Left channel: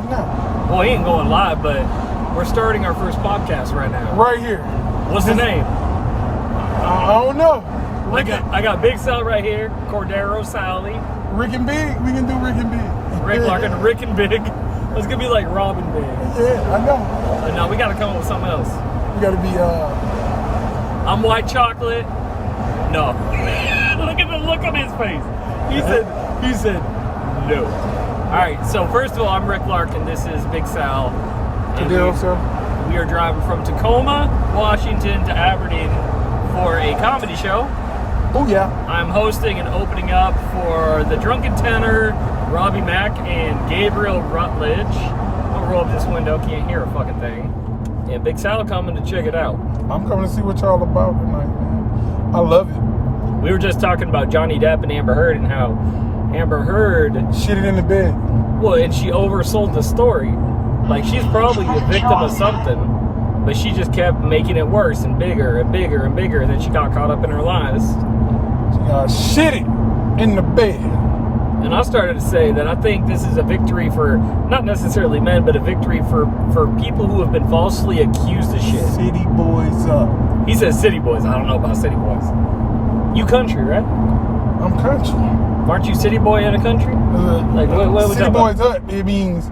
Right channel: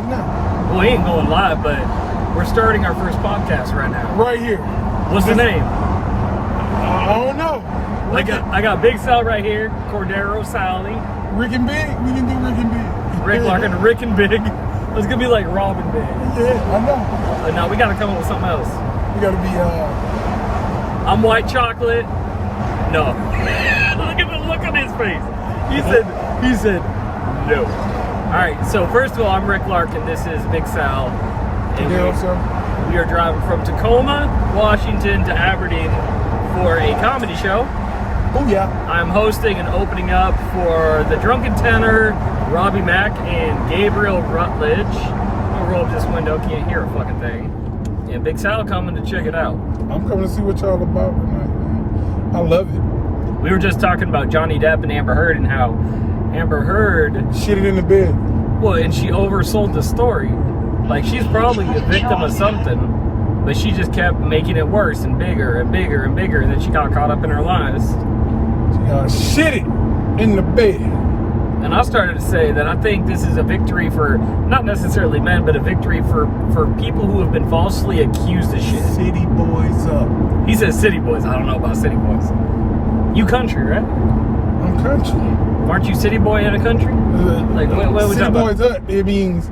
yourself now. Well, he ain't going live, but we're starting our first podcast right now. Right here. What's the name? I don't know. I got Big Sal right here, Cordero, Sally. Rick and Big? We can do Rick and Big. Rick Larkin, Rick and Big. It's gonna be like Robin Big. Yeah, I know. But no, we gotta come up with something else. We gotta be, I'm white chocolate. No. Look at the look on his face. He said no. Alright, so first of all, I'm Rick Larkin. This is Big Sal. And we are driving from Tacoma, Washington to Aberdeen for a comedy show. Oh yeah. I'm hosting and opening up for the Drunken Tenor, Robbie Mack, and Gabriel Rutledge. I'm gonna roll up this window, can't hear a fucking thing. And Big Sal coming to check it out. I'm coming to see what y'all about tonight, man. I love it. We were just talking about Johnny Depp and Amber Heard and how Amber Heard shitted in the bed. Well, and she oversold the story. Like, she's probably the victim of something, but she just kept making it worse and bigger and bigger and bigger, and then she got caught up in her lies. She shitted in the bed. And I started to say that I think this is a victory for, not necessarily men, but a victory for people who have been falsely accused of shit. City boys up. He says city boys. I don't know about city boys. You country, right? I'm country. Aren't you city boy in a country? Like, what are we talking about? City boys up, it means,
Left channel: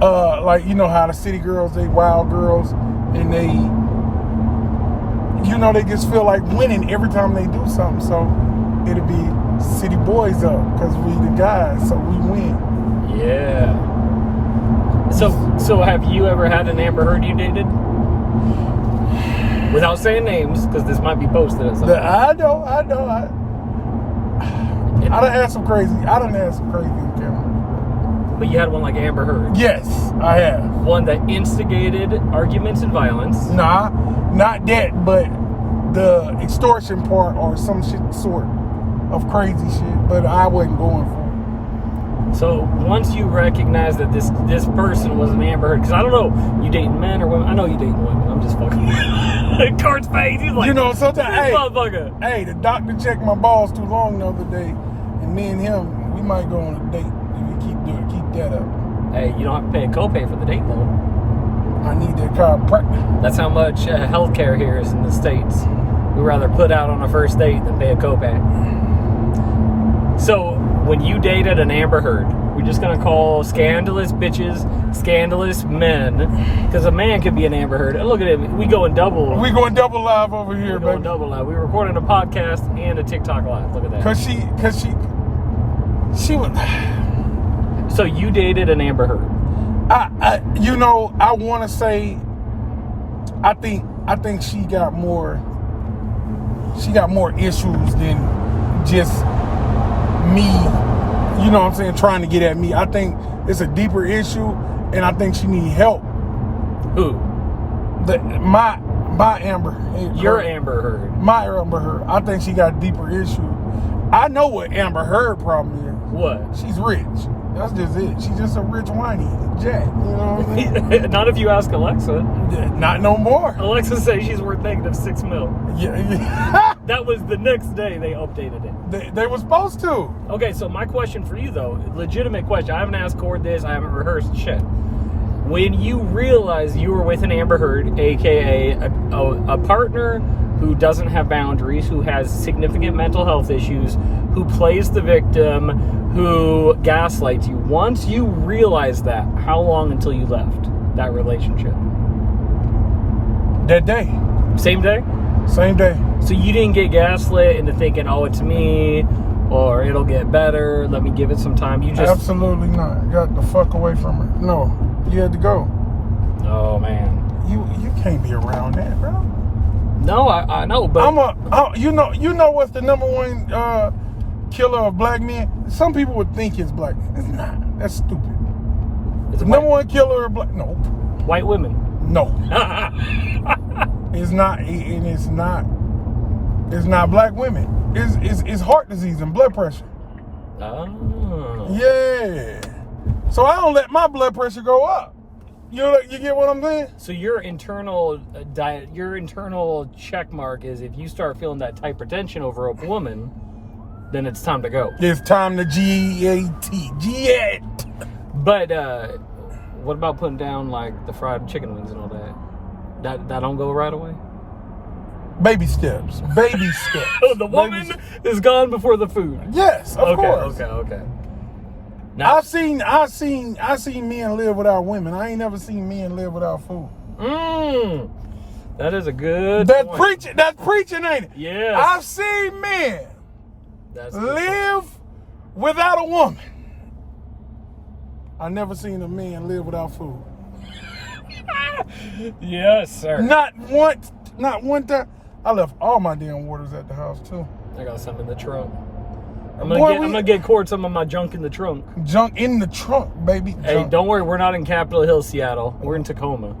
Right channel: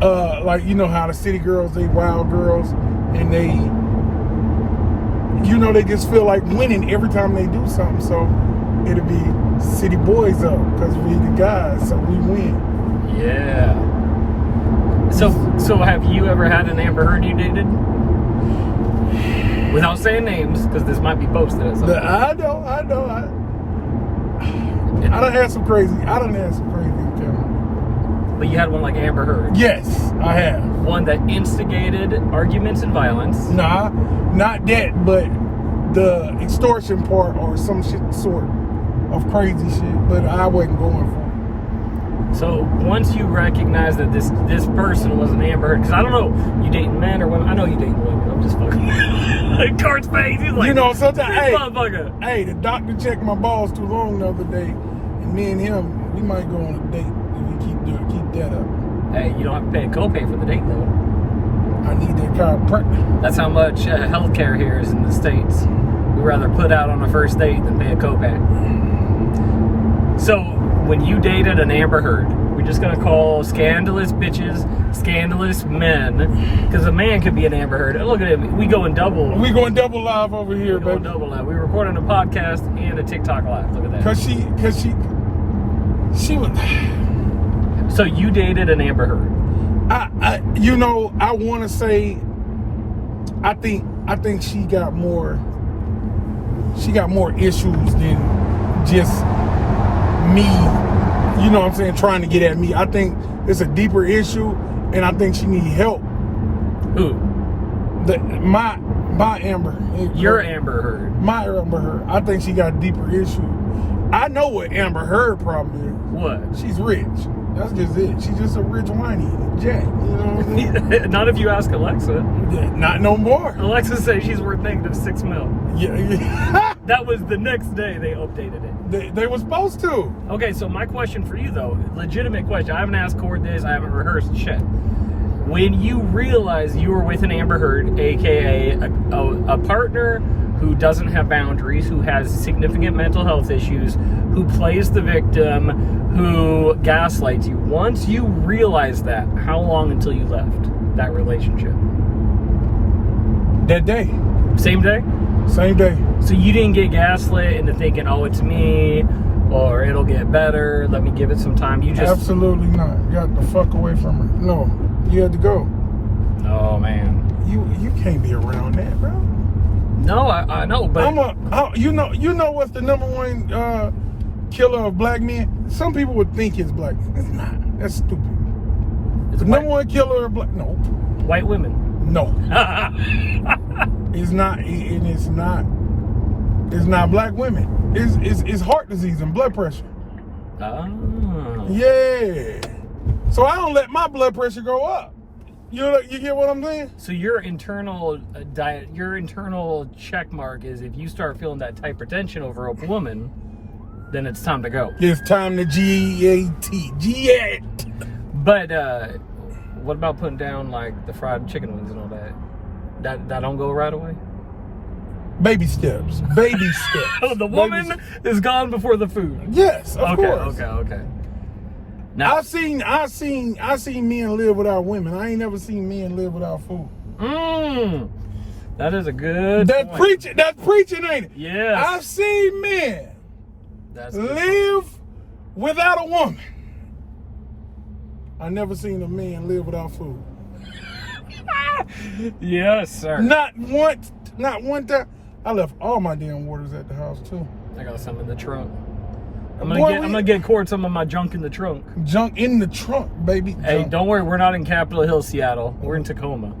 like, you know how the city girls, they wild girls, and they, you know, they just feel like winning every time they do something, so it'll be city boys up, because we the guys, so we win. Yeah. So have you ever had an Amber Heard you dated? Without saying names, because this might be posted as something. I know. I done had some crazy. But you had one like Amber Heard. Yes, I have. One that instigated arguments and violence. Nah, not that, but the extortion part or some shit sort of crazy shit. But I wasn't going for it. So once you recognize that this person was an Amber Heard, because I don't know, you dating men or women? I know you dating women. I'm just fucking. Cart's face. He's like, you know, sometimes. Hey, motherfucker. Hey, the doctor checked my balls too long the other day, and me and him, we might go on a date. Keep that up. Hey, you don't have to pay a copay for the date though. I need that chiropractic. That's how much healthcare here is in the States. We'd rather put out on a first date than pay a copay. So when you dated an Amber Heard, we're just gonna call scandalous bitches scandalous men, because a man could be an Amber Heard. And look at it, we going double live over here, baby. Double live. We're recording a podcast and a TikTok live. Look at that. Cause she was. So you dated an Amber Heard. I want to say, I think she got more issues than just me, you know what I'm saying, trying to get at me. I think it's a deeper issue, and I think she need help. Who? My Amber Heard. Your Amber Heard. My Amber Heard. I think she got a deeper issue. I know what Amber Heard problem is. What? She's rich. That's just it. She's just a rich whiny jack. You know what I mean? Not if you ask Alexa. Not no more. Alexa says she's worth -$6 million. Yeah. That was the next day they updated it. They were supposed to. Okay, so my question for you though, legitimate question. I haven't asked Cord this. I haven't rehearsed shit. When you realize you were with an Amber Heard, aka a partner who doesn't have boundaries, who has significant mental health issues, who plays the victim, who gaslights you. Once you realize that, how long until you left that relationship? That day. Same day? Same day. So you didn't get gaslit into thinking, oh, it's me, or it'll get better, let me give it some time. You just... Absolutely not. Got the fuck away from her. No. You had to go. Oh, man. You can't be around that, bro. No, I know, but you know what's the number one killer of black men? Some people would think it's black men. It's not. That's stupid. It's the number one killer of black. No. White women. No. It's not. And it's not. It's not black women. It's heart disease and blood pressure. Oh. Yeah. So I don't let my blood pressure go up. You get what I'm saying? So your internal your internal check mark is if you start feeling that hypertension over a woman, then it's time to go. It's time to G-A-T. But What about putting down like the fried chicken wings and all that? That don't go right away? Baby steps. Baby steps. Oh, the woman is gone before the food. Yes, of course. Okay. Now I've seen men live without women. I ain't never seen men live without food. That is a good point. That's preaching, ain't it? Yeah. I've seen men live without a woman. I never seen a man live without food. Yes, sir. Not one time. I left all my damn waters at the house too. I got some in the trunk. I'm gonna get Cord some of my junk in the trunk. Junk in the trunk, baby. Hey, don't worry, we're not in Capitol Hill, Seattle. We're in Tacoma.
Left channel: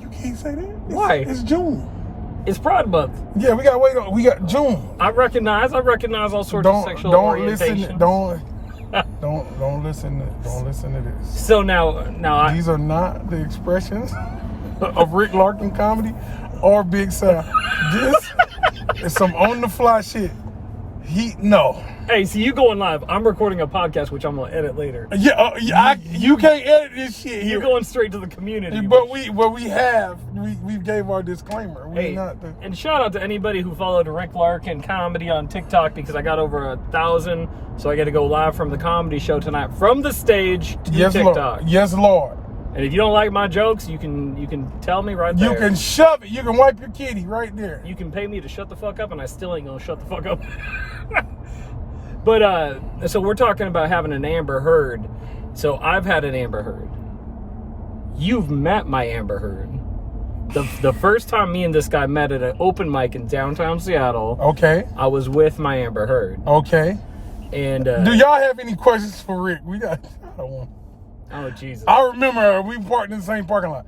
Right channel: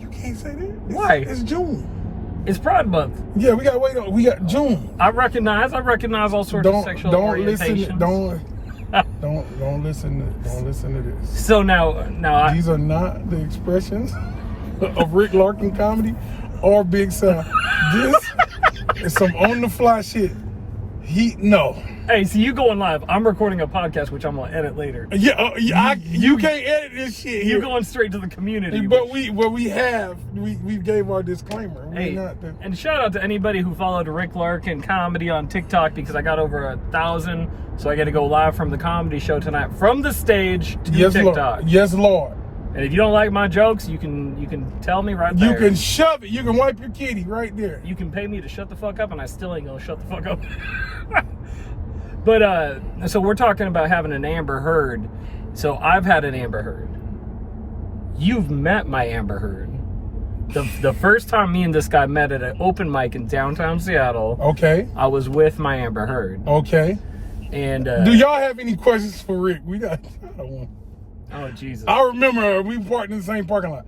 You can't say that. Why? It's June. It's Pride Month. Yeah, we got June. I recognize all sorts of sexual orientations. Don't listen to this. So now These are not the expressions of Rick Larkin comedy or Big South. This is some on the fly shit. No. Hey, so you going live? I'm recording a podcast, which I'm gonna edit later. Yeah, you can't edit this shit. You're going straight to the community. But we gave our disclaimer. And shout out to anybody who followed Rick Larkin comedy on TikTok, because I got over 1,000, so I got to go live from the comedy show tonight from the stage to TikTok. Lord. Yes, Lord. And if you don't like my jokes, you can tell me right there. You can shove it. You can wipe your kitty right there. You can pay me to shut the fuck up, and I still ain't gonna shut the fuck up. But so we're talking about having an Amber Heard. So I've had an Amber Heard. You've met my Amber Heard. The first time me and this guy met at an open mic in downtown Seattle. Okay. I was with my Amber Heard. Okay. And do y'all have any questions for Rick? I don't want. Oh Jesus! I remember we parked in the same parking lot.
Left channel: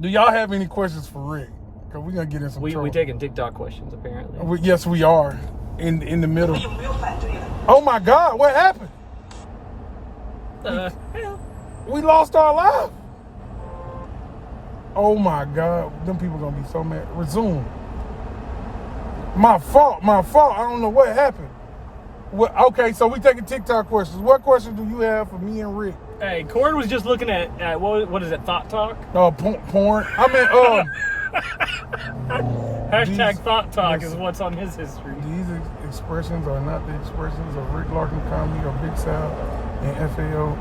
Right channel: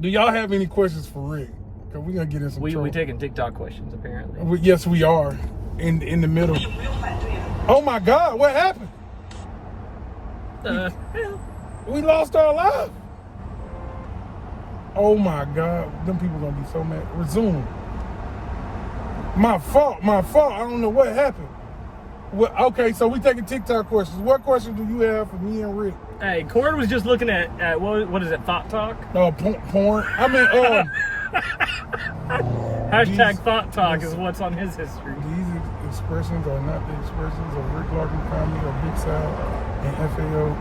Do y'all have any questions for Rick? Cause we gotta get in some trouble. We taking TikTok questions apparently. Yes, we are. In the middle. Oh my God! What happened? Hell. We lost our life. Oh my God! Them people gonna be so mad. Resume. My fault. I don't know what happened. Okay, so we taking TikTok questions. What questions do you have for me and Rick? Hey, Cord was just looking at what is it? Thought Talk. Porn. I mean, Hashtag Thought Talk is what's on his history. These expressions are not the expressions of Rick Larkin comedy or Big South and FAO.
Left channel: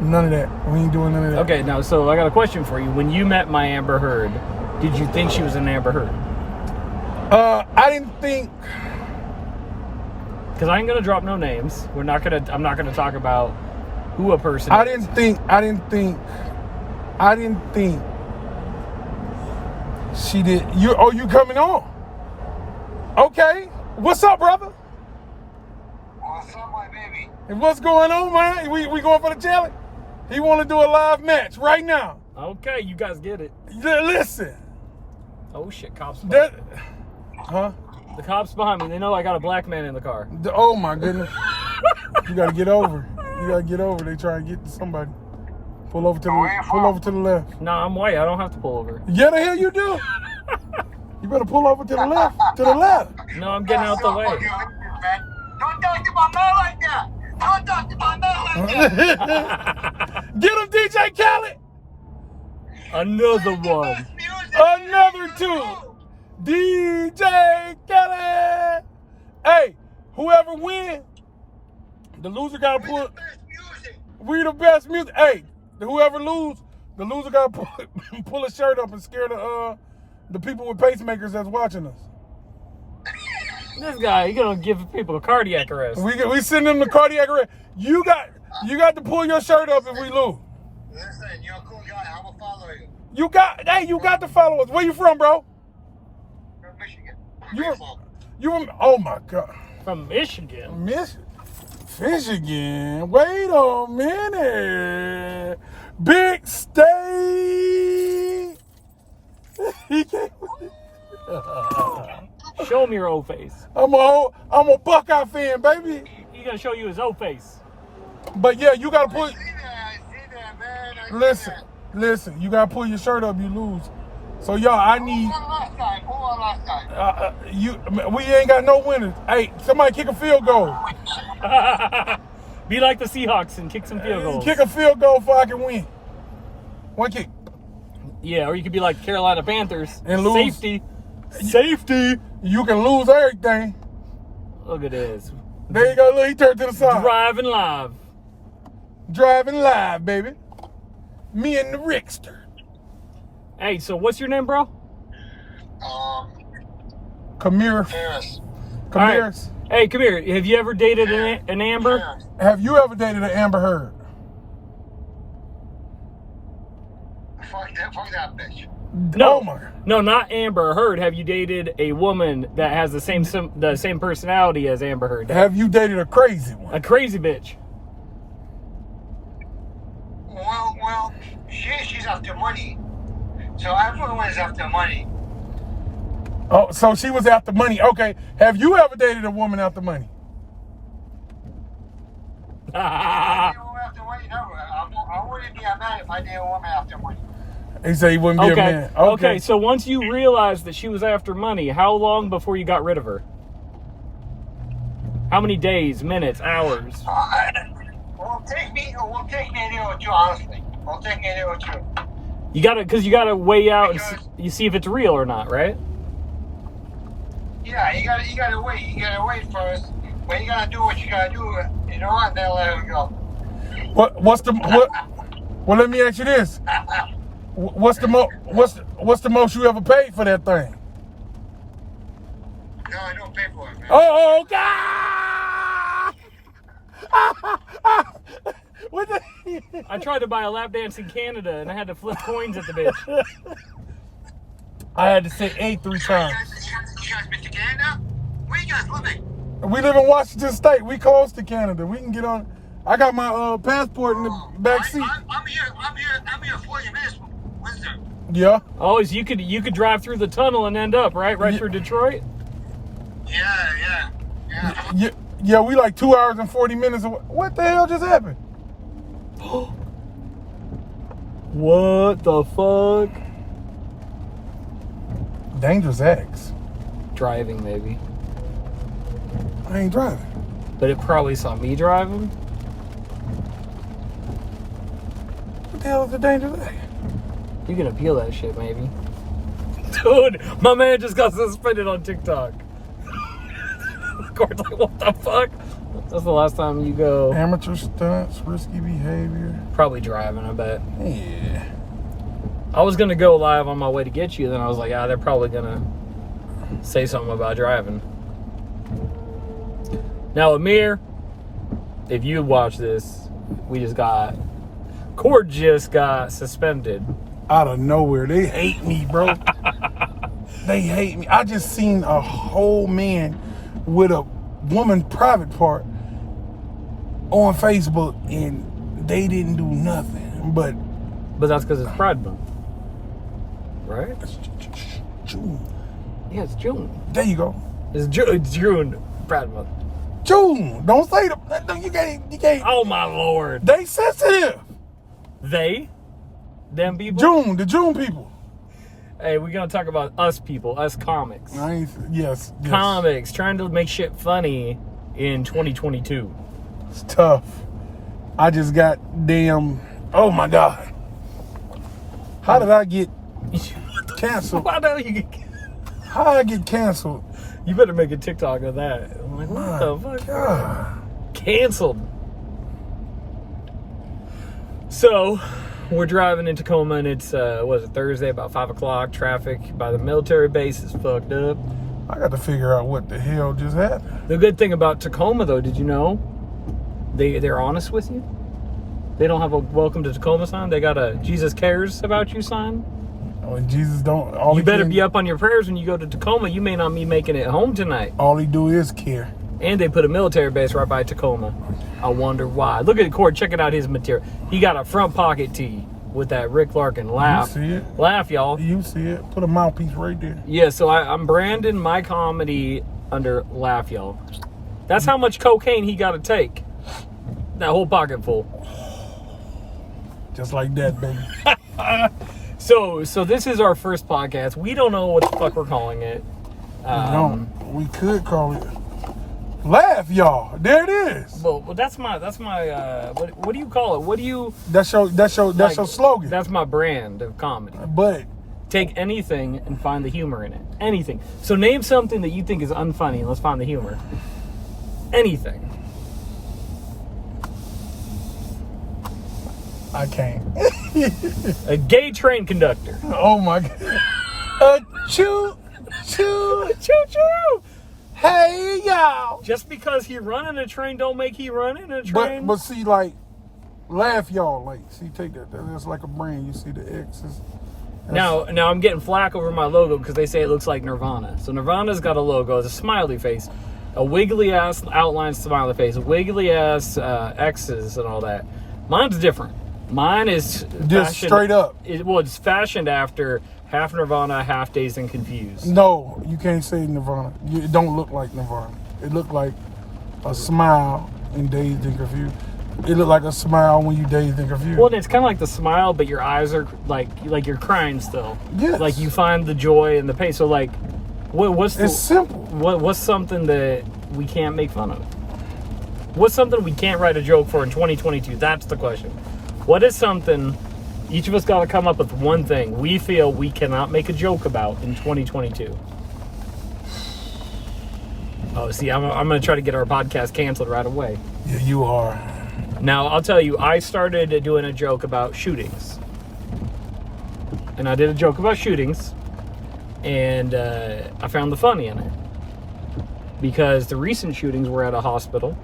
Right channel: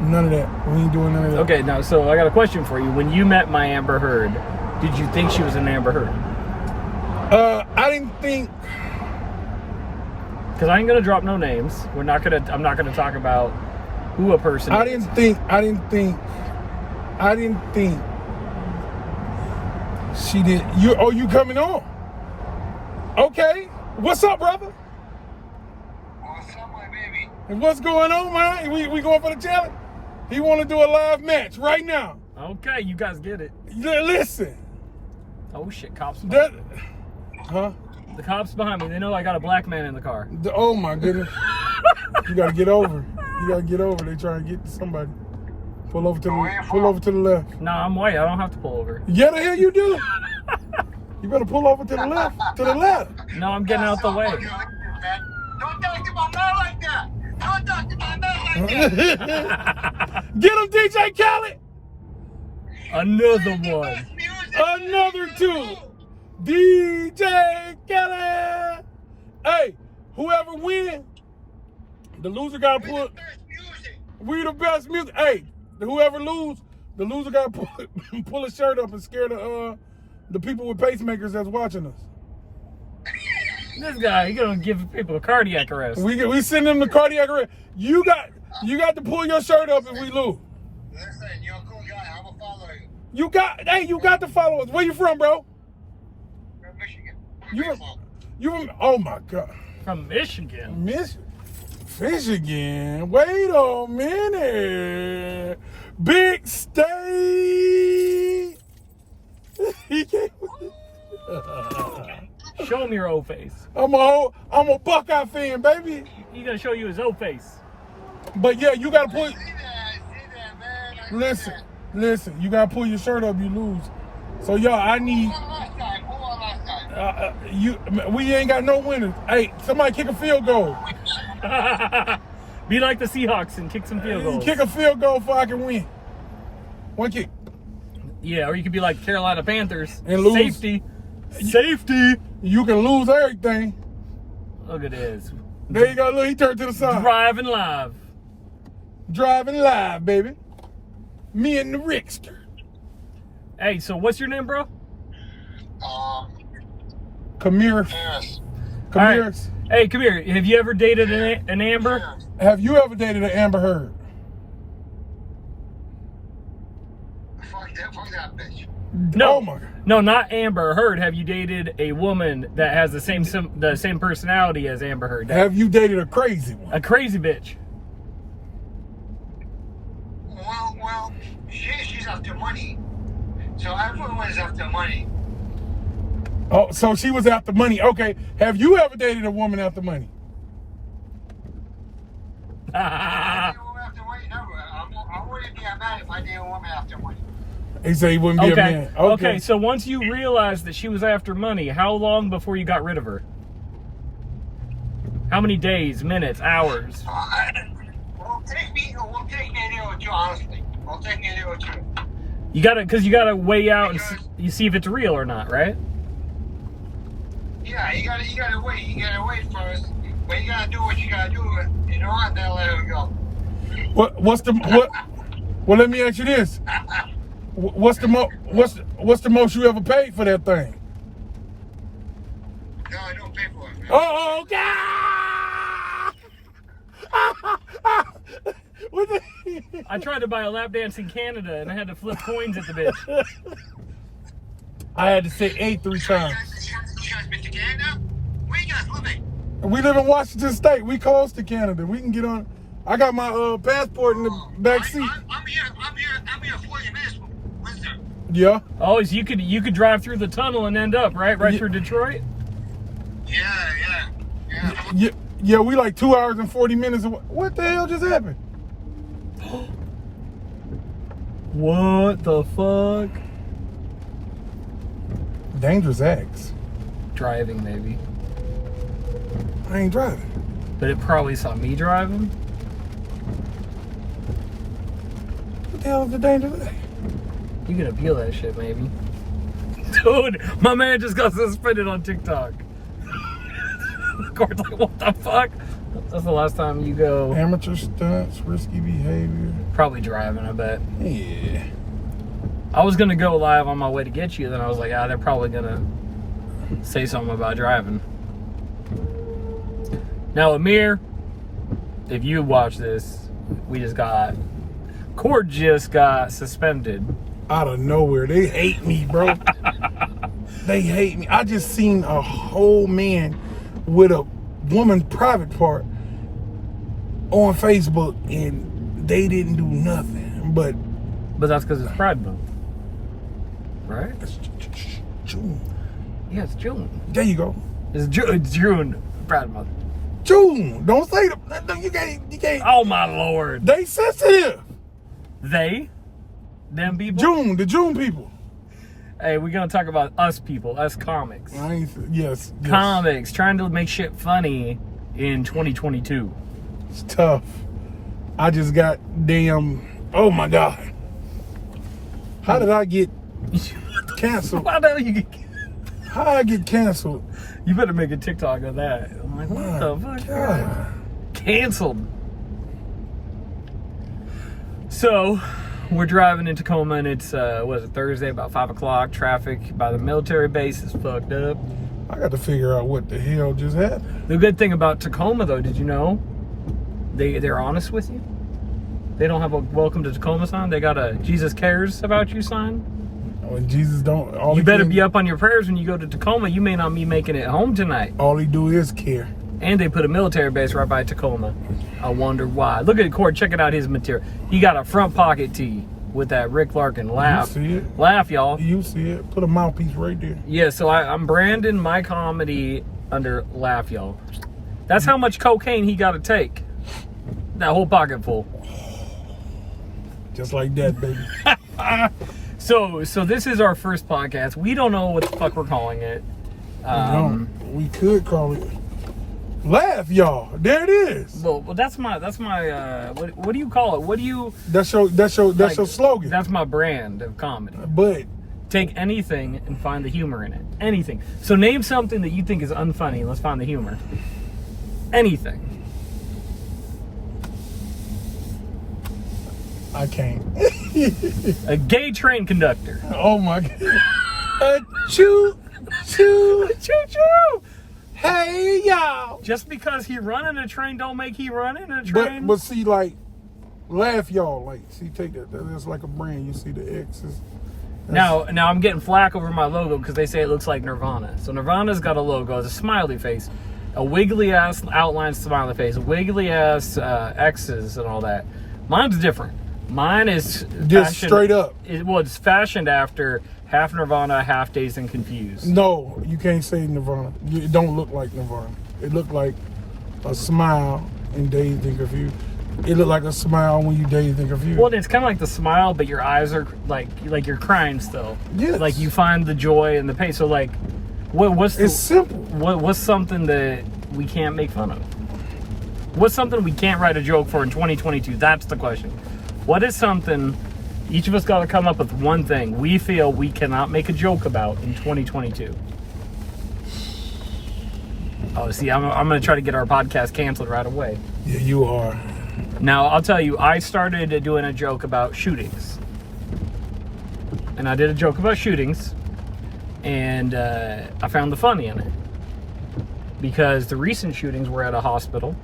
None of that. We ain't doing none of that. Okay, now so I got a question for you. When you met my Amber Heard, did you think she was an Amber Heard? I didn't think. Because I ain't gonna drop no names. I'm not gonna talk about who a person is. I didn't think she did. You coming on? Okay. What's up, brother? What's up, my baby? What's going on, man? We going for the challenge? He want to do a live match right now. Okay, you guys get it. Listen. Oh shit, cops behind me. Huh? The cops behind me. They know I got a black man in the car. Oh my goodness. You gotta get over. They trying to get to somebody. Pull over to the left. Nah, I'm white. I don't have to pull over. Yeah, the hell you do. You better pull over to the left. To the left. No, I'm getting out the way. Don't talk to my man like that. Don't talk to my man like that. Get him, DJ Khaled. Another one. Another two. DJ Khaled. Hey, whoever wins, the loser gotta put. We the best music. Hey, whoever lose, the loser gotta pull a shirt up and scare the people with pacemakers that's watching us. This guy, he gonna give people a cardiac arrest. We send them the cardiac arrest. You got to pull your shirt up if we lose. Listen, you're a cool guy. I will follow you. You got to follow us. Where you from, bro? From Michigan. You from? Oh my God. From Michigan. Michigan. Wait a minute. Big state. He can't. Show me your old face. I'm a Buckeye fan, baby. He gonna show you his old face. But yeah, you gotta put. I see that, man. Listen. You gotta pull your shirt up. You lose. So y'all, I need. Who won last time? We ain't got no winners. Hey, somebody kick a field goal. Be like the Seahawks and kick some field goals. Kick a field goal so I can win. One kick. Yeah, or you could be like Carolina Panthers And lose. Safety. You can lose everything. Look at this. There you go. Look, he turned to the side. Driving live. Driving live, baby. Me and the Rickster. Hey, so what's your name, bro? Kamir. Paris. All right. Kamir's. Hey, come here. Have you ever dated an Amber? Yeah. Have you ever dated an Amber Heard? Fuck that bitch. No. Oh my God. No, not Amber Heard. Have you dated a woman that has the same personality as Amber Heard? Have you dated a crazy one? A crazy bitch. Well, she's after money. So everyone is after money. Oh, so she was after money. Okay. Have you ever dated a woman after money? I wouldn't be mad if I did a woman after money. He said he wouldn't be a Okay. man. Okay. So once you realized that she was after money, how long before you got rid of her? How many days, minutes, hours? We'll take me a day or two, honestly. We'll take me a day or two. You gotta weigh out and you see if it's real or not, right? Yeah, you gotta wait. You gotta wait first. When you gotta do what you gotta do, you know what? Then let it go. Well, let me ask you this. What's the most you ever paid for that thing? No, I don't pay for it, man. Oh God! What the- I tried to buy a lap dance in Canada and I had to flip coins at the bitch. I had to say 8 3 times. You guys been to Canada? Where you guys living? We live in Washington State. We close to Canada. We can get on. I got my passport in the back seat. I'm here 40 minutes. Windsor. Yeah. Oh, so you could drive through the tunnel and end up right through Detroit. Yeah. Yeah, we like 2 hours and 40 minutes. What the hell just happened? What the fuck? Dangerous acts. Driving, maybe. I ain't driving. But it probably saw me driving. What the hell is the dangerous act? You can appeal that shit, maybe. Dude, my man just got suspended on TikTok. The court's like, what the fuck? That's the last time you go. Amateur stunts, risky behavior. Probably driving, I bet. Yeah. I was gonna go live on my way to get you, then I was like, they're probably gonna say something about driving. Now, Amir, if you watch this, Cord just got suspended. Out of nowhere. They hate me, bro. They hate me. I just seen a whole man with a woman private part on Facebook and they didn't do nothing. But that's because it's Pride Month. Right? it's June. Yeah, it's June. There you go. It's June, Pride Month. June. Don't say the you can't. Oh my lord. They sensitive. Them people? June, the June people. Hey, we're gonna talk about us people, us comics. Yes. Comics, trying to make shit funny in 2022. It's tough. I just got oh my God. How did I get canceled? Why don't you How did I get canceled? You better make a TikTok of that. I'm like, what the fuck? God. Canceled. So, we're driving in Tacoma and it's, Thursday, about 5 o'clock. Traffic by the military base is fucked up. I got to figure out what the hell just happened. The good thing about Tacoma, though, did you know? They're honest with you. They don't have a welcome to Tacoma sign. They got a Jesus cares about you sign. When Jesus don't, You better be up on your prayers when you go to Tacoma. You may not be making it home tonight. All he do is care. And they put a military base right by Tacoma. I wonder why. Look at the cord. Check it out, his material. He got a front pocket tee with that Rick Larkin laugh. You see it? Laugh, y'all. You see it? Put a mouthpiece right there. Yeah, so I'm branding my comedy under Laugh, y'all. That's how much cocaine he got to take. That whole pocket full. Just like that, baby. So this is our first podcast. We don't know what the fuck we're calling it. We could call it Laugh, y'all. There it is. Well, that's my what do you call it? What do you? That's your slogan. That's my brand of comedy. But Take anything and find the humor in it. Anything. So name something that you think is unfunny. Let's find the humor. Anything. I can't. A gay train conductor. Oh my God. Choo choo. Choo choo. Hey y'all. Just because he run in a train don't make he run in a train. But see, like, laugh, y'all. Like, see, take that. That's like a brand. You see the X's. Now I'm getting flack over my logo because they say it looks like Nirvana. So Nirvana's got a logo. It's a smiley face, a wiggly ass outline smiley face, wiggly ass X's and all that. Mine's different. Mine is just straight up. It's fashioned after half Nirvana, half Dazed and Confused. No, you can't say Nirvana. It don't look like Nirvana. It looked like a smile in Dazed and Confused. It looked like a smile when you Dazed and Confused. Well, it's kind of like the smile, but your eyes are like you're crying still. Yes. Like you find the joy and the pain. So like, what's it's simple. What's something that we can't make fun of? What's something we can't write a joke for in 2022? That's the question. What is something each of us got to come up with one thing we feel we cannot make a joke about in 2022? Oh, see, I'm going to try to get our podcast canceled right away. Yeah, you are. Now, I'll tell you, I started doing a joke about shootings. And I did a joke about shootings. And I found the funny in it. Because the recent shootings were at a hospital.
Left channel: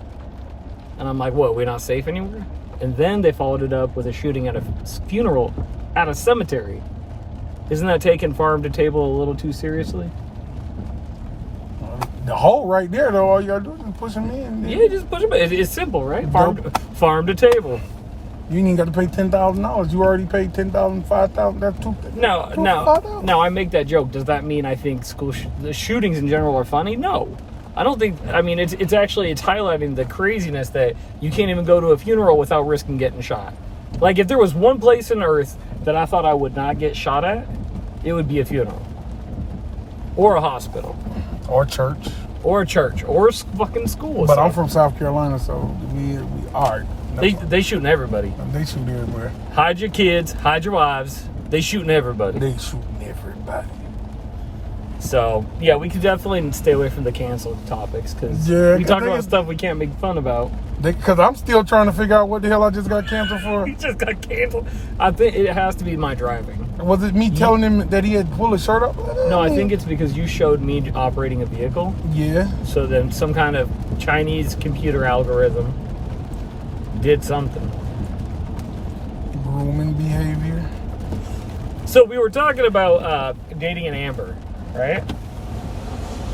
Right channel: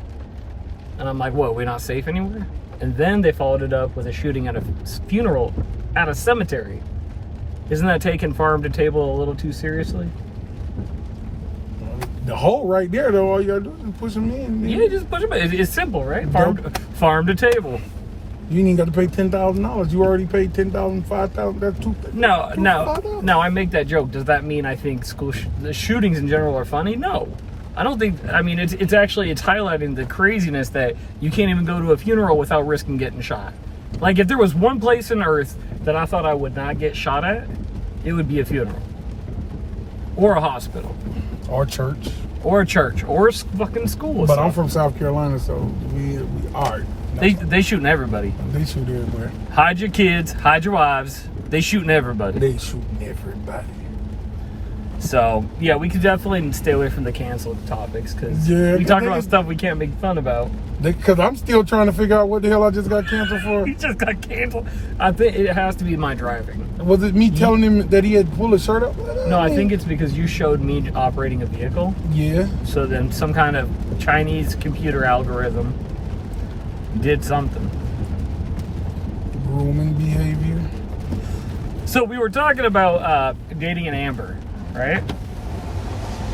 And I'm like, what, we're not safe anywhere? And then they followed it up with a shooting at a funeral at a cemetery. Isn't that taking farm to table a little too seriously? The hole right there, though, all you gotta do is push them in. Yeah, just push them in. It's simple, right? Farm to table. You ain't even got to pay $10,000. You already paid $10,000, $5,000. That's $2,000. No. I make that joke. Does that mean I think the shootings in general are funny? No. I don't think. I mean, it's highlighting the craziness that you can't even go to a funeral without risking getting shot. Like, if there was one place on earth that I thought I would not get shot at, it would be a funeral, or a hospital, or church, or a church, or a fucking school. But I'm from South Carolina, so we are. They shooting everybody. They shoot everywhere. Hide your kids, hide your wives. They shooting everybody. They shooting everybody. So, yeah, we could definitely stay away from the canceled topics because we talk about stuff we can't make fun about. Because I'm still trying to figure out what the hell I just got canceled for. He just got canceled. I think it has to be my driving. Was it me telling him that he had pulled his shirt up? No, I think it's because you showed me operating a vehicle. Yeah. So then some kind of Chinese computer algorithm did something. Grooming behavior. So we were talking about dating an Amber, right?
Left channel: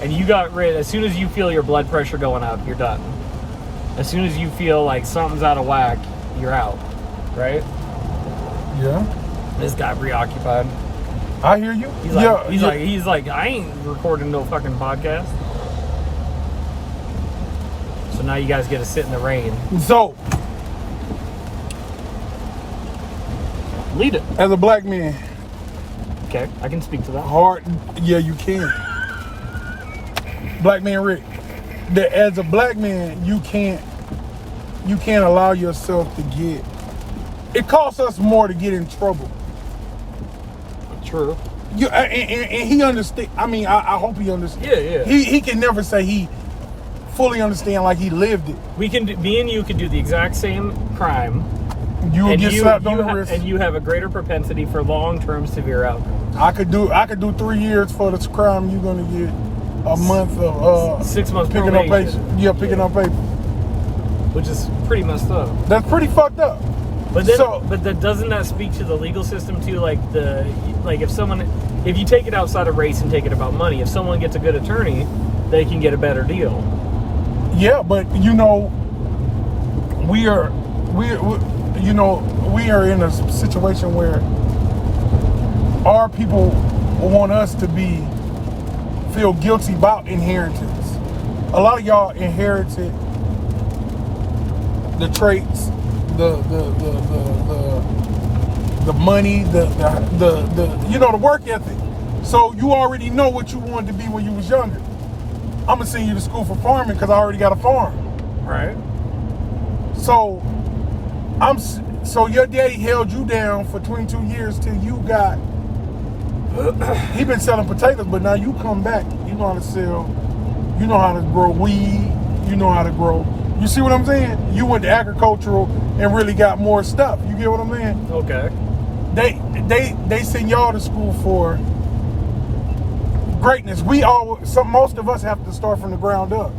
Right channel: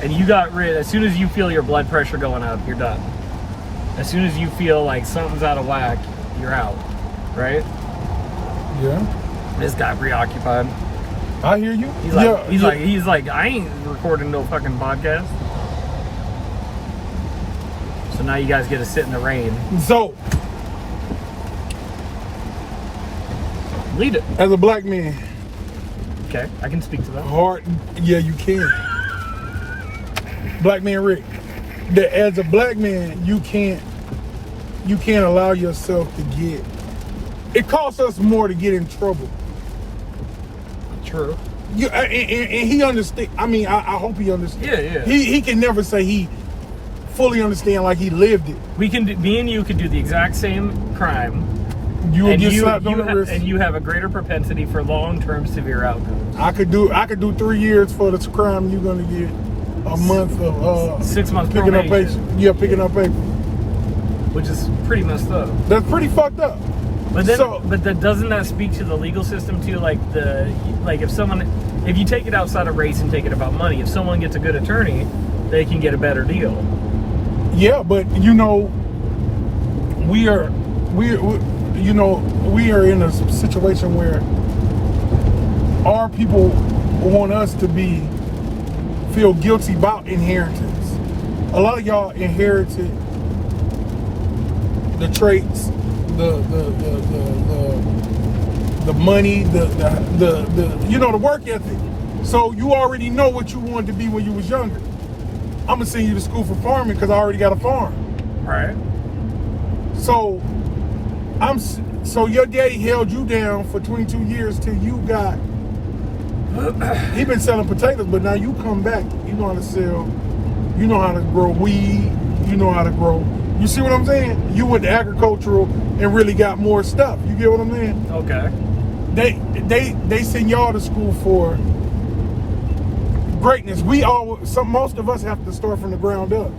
And you got rid, as soon as you feel your blood pressure going up, you're done. As soon as you feel like something's out of whack, you're out, right? Yeah. This guy preoccupied. I hear you. He's like, I ain't recording no fucking podcast. So now you guys get to sit in the rain. So, lead it. As a black man. Okay, I can speak to that. Yeah, you can. Black man Rick. That as a black man, you can't allow yourself to get. It costs us more to get in trouble. True. And he understand. I mean, I hope he understands. Yeah. He can never say he fully understand like he lived it. Me and you could do the exact same crime. You will get slapped on the wrist. And you have a greater propensity for long-term severe outcomes. I could do 3 years for this crime. You're gonna get a month of 6 months picking probation. up paper. Picking up paper. Which is pretty messed up. That's pretty fucked up. But then, doesn't that speak to the legal system too? Like if you take it outside of race and take it about money, if someone gets a good attorney, they can get a better deal. Yeah, but we are in a situation where our people want us to feel guilty about inheritance. A lot of y'all inherited the traits, the money, the work ethic. So you already know what you wanted to be when you was younger. I'm gonna send you to school for farming because I already got a farm. Right. So so your daddy held you down for 22 years till you got. He been selling potatoes, but now you come back. You know how to sell. You know how to grow weed. You know how to grow. You see what I'm saying? You went to agricultural and really got more stuff. You get what I'm saying? Okay. They send y'all to school for greatness. Most of us have to start from the ground up.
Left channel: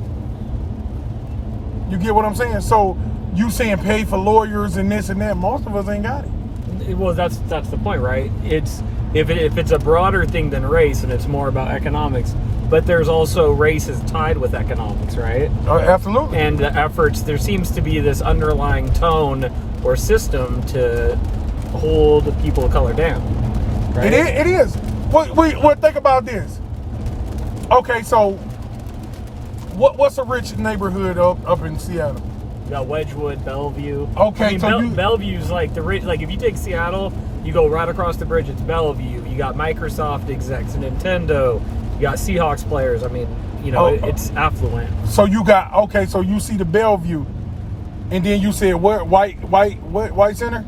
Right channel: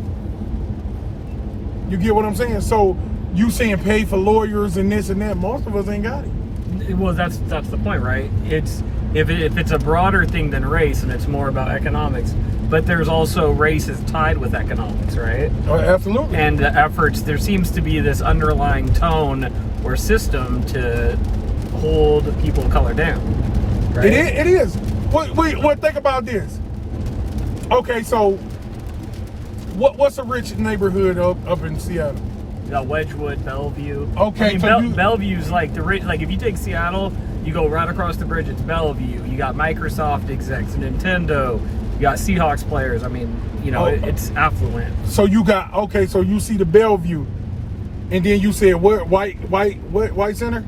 You get what I'm saying? So you saying pay for lawyers and this and that. Most of us ain't got it. Well, that's the point, right? It's if it's a broader thing than race and it's more about economics, but there's also race is tied with economics, right? Absolutely. And the efforts, there seems to be this underlying tone or system to hold people of color down. Right? It is. What think about this? Okay, so what's a rich neighborhood up in Seattle? You got Wedgwood, Bellevue. Okay, I mean, so Bellevue's like like if you take Seattle, you go right across the bridge, it's Bellevue. You got Microsoft execs, Nintendo. You got Seahawks players. I mean, you know, it's affluent. So you got so you see the Bellevue, and then you said what white center?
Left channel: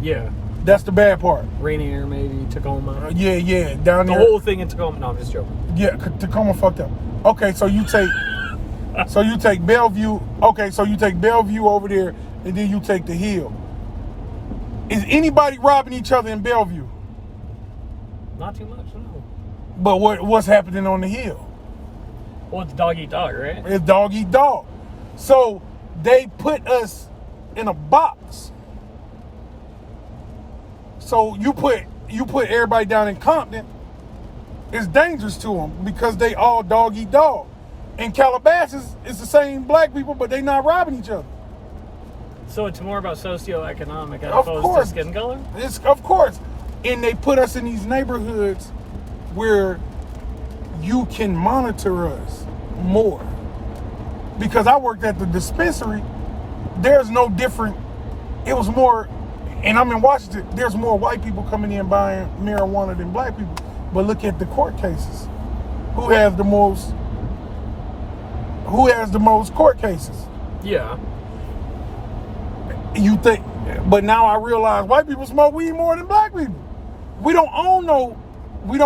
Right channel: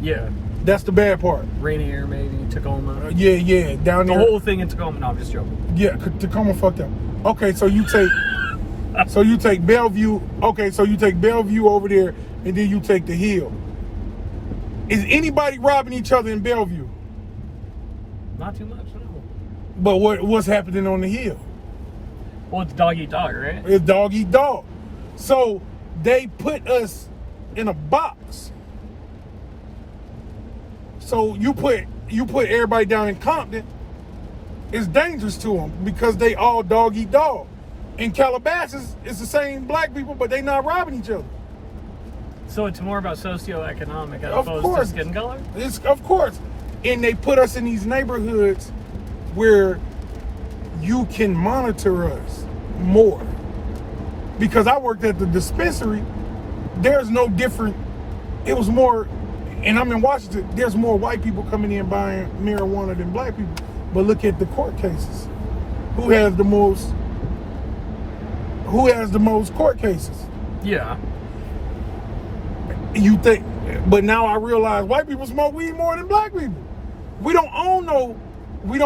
Yeah. That's the bad part. Rainier, maybe Tacoma. Yeah, down The there. whole thing in Tacoma. No, I'm just joking. Yeah, Tacoma fucked up. Okay, so you take Bellevue. Okay, so you take Bellevue over there, and then you take the Hill. Is anybody robbing each other in Bellevue? Not too much, no. But what's happening on the Hill? Well, it's dog eat dog, right? It's dog eat dog. So they put us in a box. So you put everybody down in Compton, it's dangerous to them because they all dog eat dog. In Calabasas, it's the same black people, but they not robbing each other. So it's more about socioeconomic as Of opposed course. to skin color? Of course. And they put us in these neighborhoods where you can monitor us more. Because I worked at the dispensary, there's no different, it was more, and I'm in Washington, there's more white people coming in buying marijuana than black people. But look at the court cases. Who has the most court cases? Yeah. You think, but now I realize white people smoke weed more than black people. We don't own no weed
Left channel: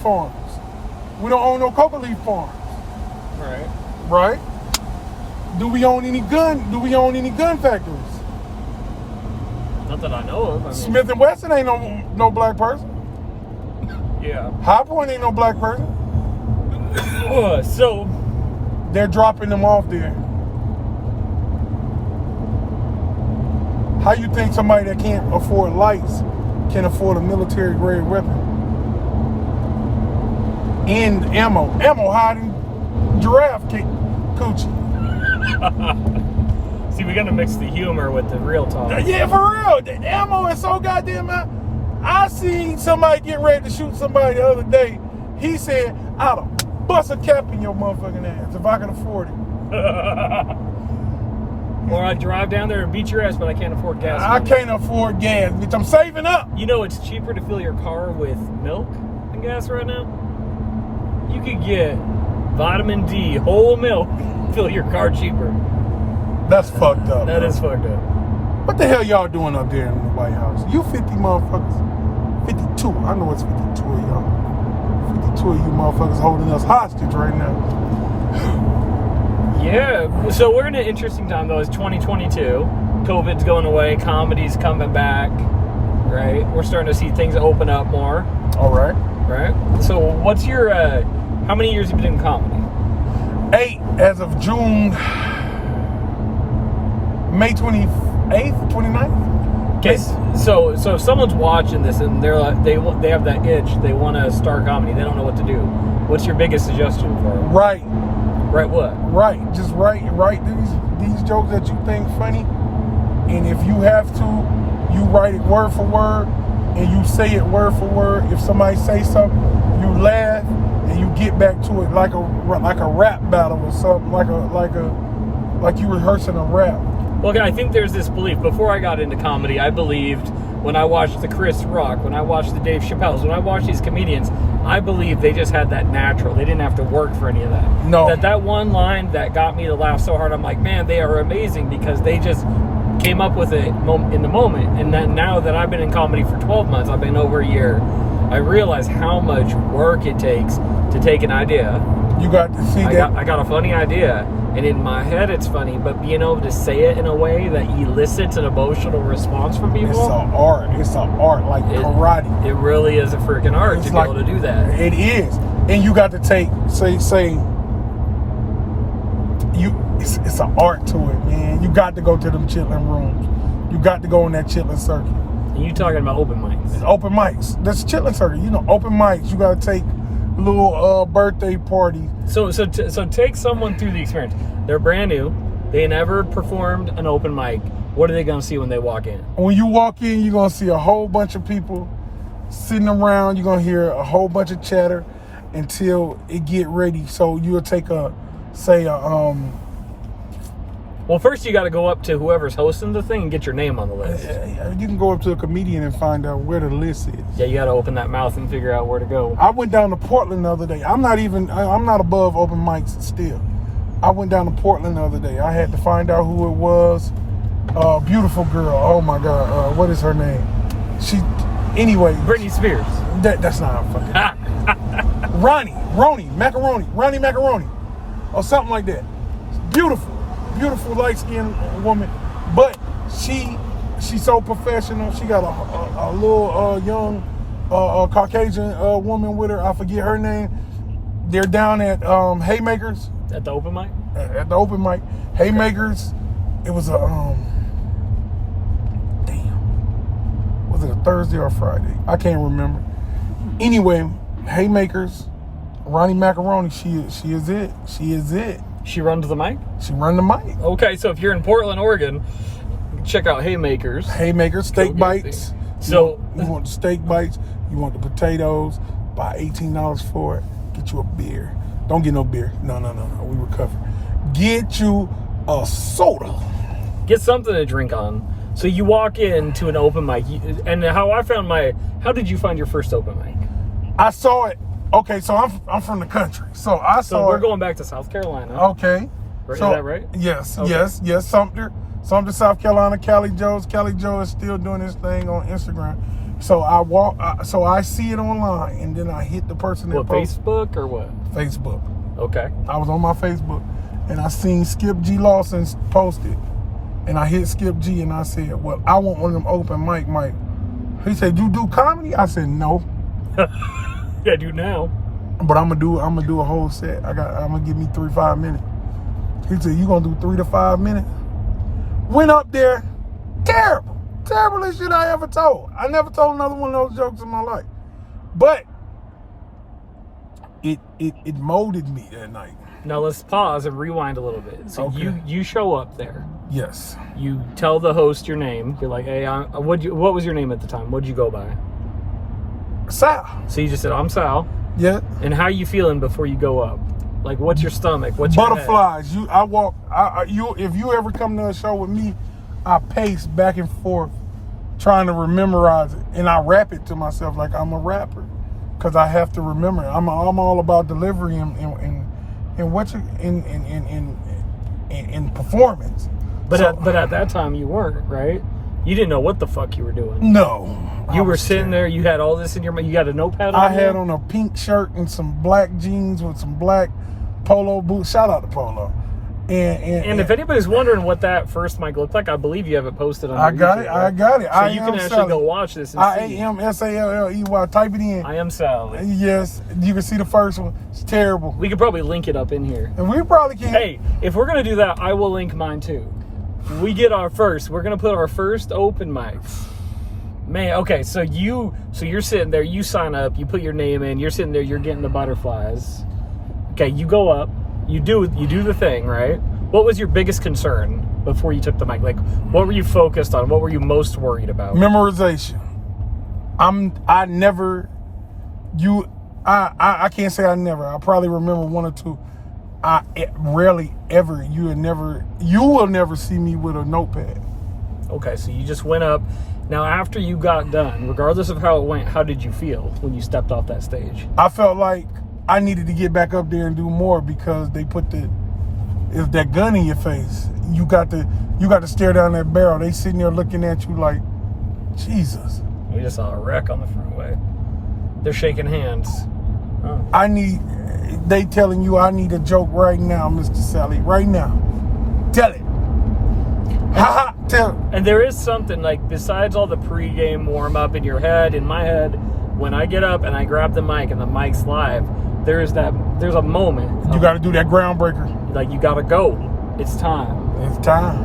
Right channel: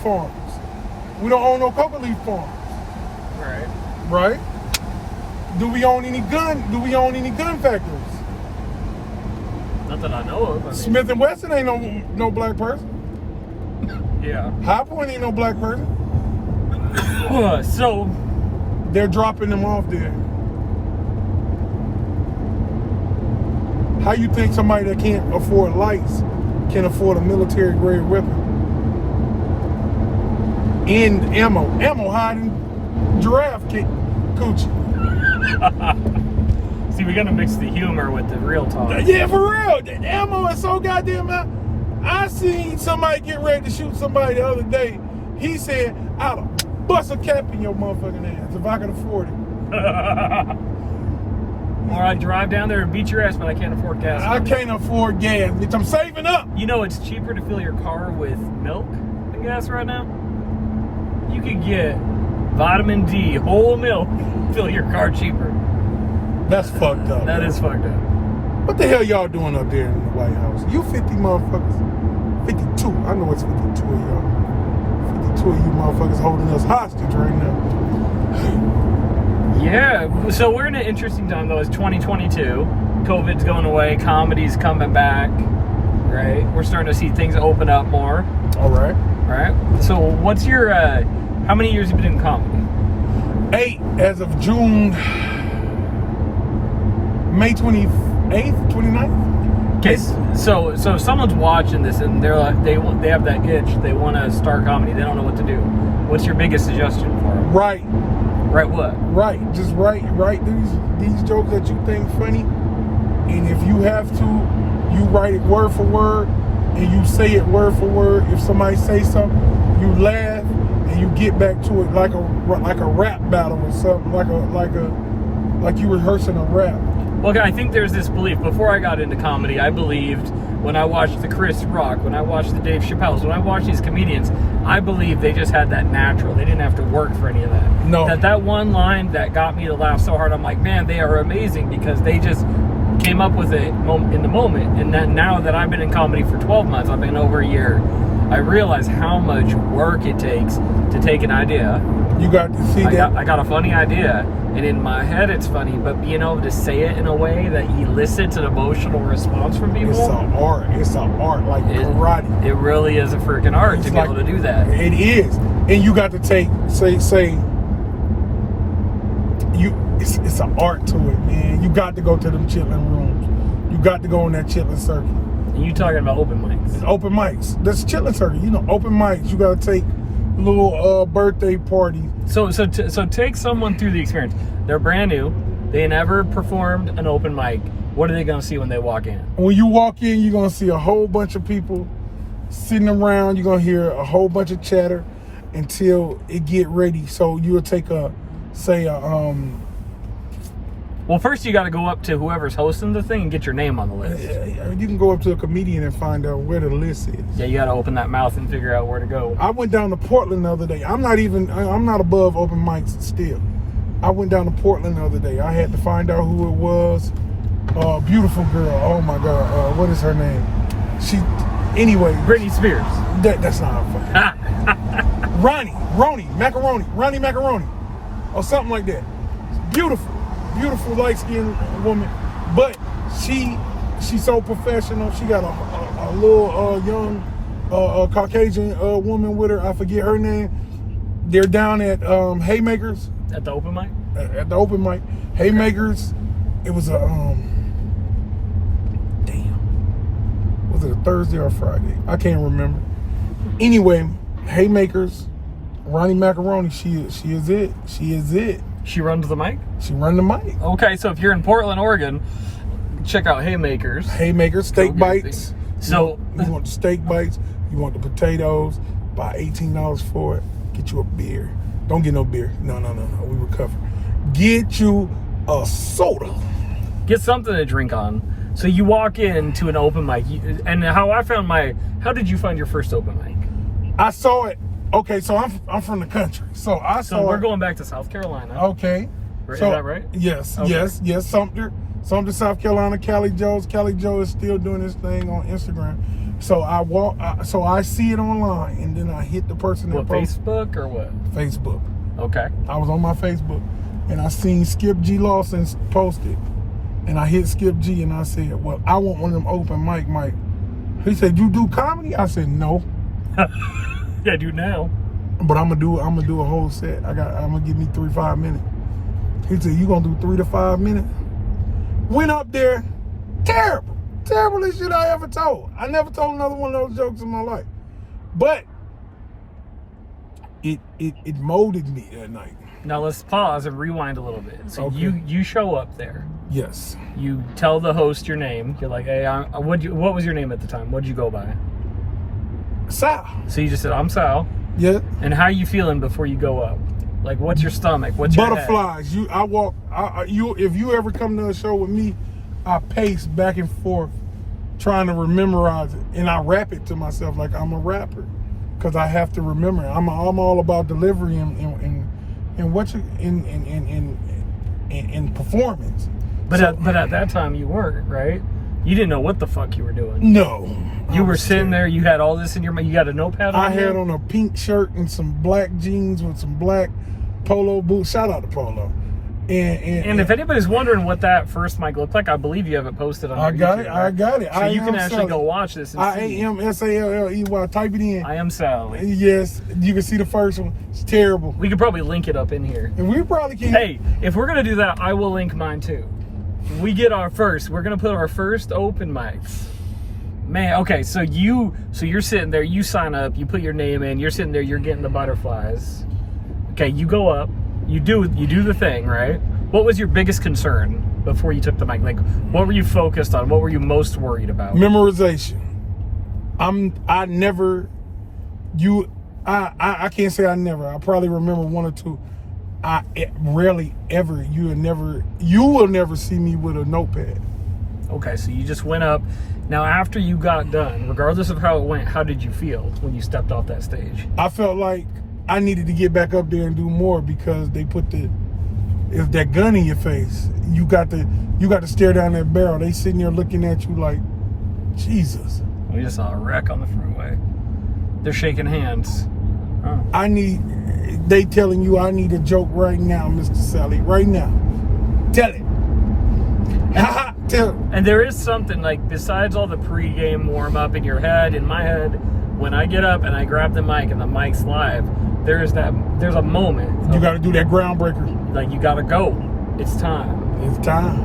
farms. We don't own no coca leaf farms. Right. Right? Do we own any gun factories? Not that I know of. I mean, Smith and Wesson ain't no black person. yeah. High Point ain't no black person. So They're dropping them off there. How you think somebody that can't afford lights can afford a military grade weapon? And ammo hiding giraffe coochie. see, we're gonna mix the humor with the real talk. Yeah, for real. The ammo is so goddamn out. I seen somebody get ready to shoot somebody the other day. He said, I'll bust a cap in your motherfucking ass if I can afford it. Or I drive down there and beat your ass, but I can't afford gas. I can't afford gas, bitch. I'm saving up. You know it's cheaper to fill your car with milk than gas right now? You could get vitamin D, whole milk, fill your car cheaper. That's fucked up. That is fucked up. What the hell y'all doing up there in the White House? You 50 motherfuckers. 52. I know it's 52 of y'all. 52 of you motherfuckers holding us hostage right now. Yeah, so we're in an interesting time though. It's 2022. COVID's going away. Comedy's coming back. Right? We're starting to see things open up more. All right. Right? So what's your, how many years have you been doing comedy? 8 as of June, May 28th, 29th? Okay, so if someone's watching this and they're like, they have that itch, they want to start comedy, they don't know what to do. What's your biggest suggestion for them? Right. Right what? Right. Just write these jokes that you think funny. And if you have to, you write it word for word and you say it word for word. If somebody say something, you laugh and you get back to it like a rap battle or something, like you rehearsing a rap. Well, I think there's this belief. Before I got into comedy, I believed when I watch the Chris Rock, when I watch the Dave Chappelle's, when I watch these comedians, I believe they just had that natural. They didn't have to work for any of that. No. That one line that got me to laugh so hard, I'm like, man, they are amazing because they just came up with it in the moment. And then now that I've been in comedy for 12 months, I've been over a year, I realize how much work it takes to take an idea. You got to see that. I got a funny idea, and in my head it's funny, but being able to say it in a way that elicits an emotional response from people. It's an art. It's an art like karate. It really is a freaking art It's to be able to do that. It is. And you got to take, it's an art to it, man. You got to go to them chitlin rooms. You got to go on that chitlin circuit. And you talking about open mics. It's open mics. That's chitlin circuit. You know, open mics. You got to take little birthday party. So take someone through the experience. They're brand new. They never performed an open mic. What are they going to see when they walk in? When you walk in, you're going to see a whole bunch of people sitting around. You're going to hear a whole bunch of chatter until it get ready. So you'll take well, first you got to go up to whoever's hosting the thing and get your name on the list. You can go up to a comedian and find out where the list is. Yeah, you got to open that mouth and figure out where to go. I went down to Portland the other day. I'm not above open mics still. I went down to Portland the other day. I had to find out who it was. Beautiful girl. Oh my God. What is her name? Anyway. Britney Spears. That's not her fucking Ronnie Macaroni. Or something like that. Beautiful light-skinned woman. But she's so professional. She got a little young Caucasian woman with her. I forget her name. They're down at Haymakers. At the open mic? At the open mic. Haymakers. It was a was it a Thursday or Friday? I can't remember. Anyway, Haymakers, Ronnie Macaroni, she is it. She runs the mic? She run the mic. Okay, so if you're in Portland, Oregon, check out Haymakers. Haymakers, steak bites. So you want the steak bites, you want the potatoes, buy $18 for it, get you a beer. Don't get no beer. No, we recover. Get you a soda. Get something to drink on. So you walk into an open mic, and how did you find your first open mic? I saw it. Okay, so I'm from the country. So we're going back to South Carolina. Okay. Is that right? Yes, okay. yes. Sumter, South Carolina, Cali Joe is still doing his thing on Instagram. So I see it online, and then I hit the person that posted. Facebook or what? Facebook. Okay. I was on my Facebook, and I seen Skip G. Lawson posted, and I hit Skip G, and I said, well, I want one of them open mic. He said, you do comedy? I said, no. Yeah, I do now. But I'm gonna do a whole set. I'm gonna give me 3-5 minutes. He said, you gonna do 3 to 5 minutes? Went up there, terriblest shit I ever told. I never told another one of those jokes in my life. But it molded me that night. Now let's pause and rewind a little bit. So Okay. you show up there. Yes. You tell the host your name. You're like, hey, what was your name at the time? What'd you go by? Sal. So you just said, I'm Sal. Yeah. And how you feeling before you go up? Like, what's your stomach? What's your butterflies? head? If you ever come to a show with me, I pace back and forth trying to memorize it, and I rap it to myself like I'm a rapper because I have to remember it. I'm all about delivery and performance. But at that time you weren't, right? You didn't know what the fuck you were doing. No. You were sitting there, you had all this in your mind, you got a notepad on I had on a pink shirt and some black jeans with some black polo boots. Shout out to Polo. And if anybody's wondering what that first mic looked like, I believe you have it posted on YouTube. I got it. So you can actually go watch this and see. IAMSALLEY. Type it in. I am Sal. Yes, you can see the first one. It's terrible. We could probably link it up in here. And we probably can. Hey, if we're gonna do that, I will link mine too. We get our first. We're gonna put our first open mic. Man, okay, so you're sitting there, you sign up, you put your name in, you're sitting there, you're getting the butterflies. Okay, you go up, you do the thing, right? What was your biggest concern before you took the mic? Like, what were you focused on? What were you most worried about? Memorization. I can't say I never. I probably remember one or two. I rarely ever, you will never see me with a notepad. Okay, so you just went up Now, after you got done, regardless of how it went, how did you feel when you stepped off that stage? I felt like I needed to get back up there and do more because they put that gun in your face. You got to stare down that barrel. They sitting there looking at you like, Jesus. We just saw a wreck on the freeway. They're shaking hands. Oh. They telling you I need a joke right now, Mr. Sally, right now. Tell it. Ha tell it. And there is something, like, besides all the pregame warm-up in your head, in my head, when I get up and I grab the mic and the mic's live, there's a moment. You got to do that groundbreaker. Like, you got to go. It's time. It's time.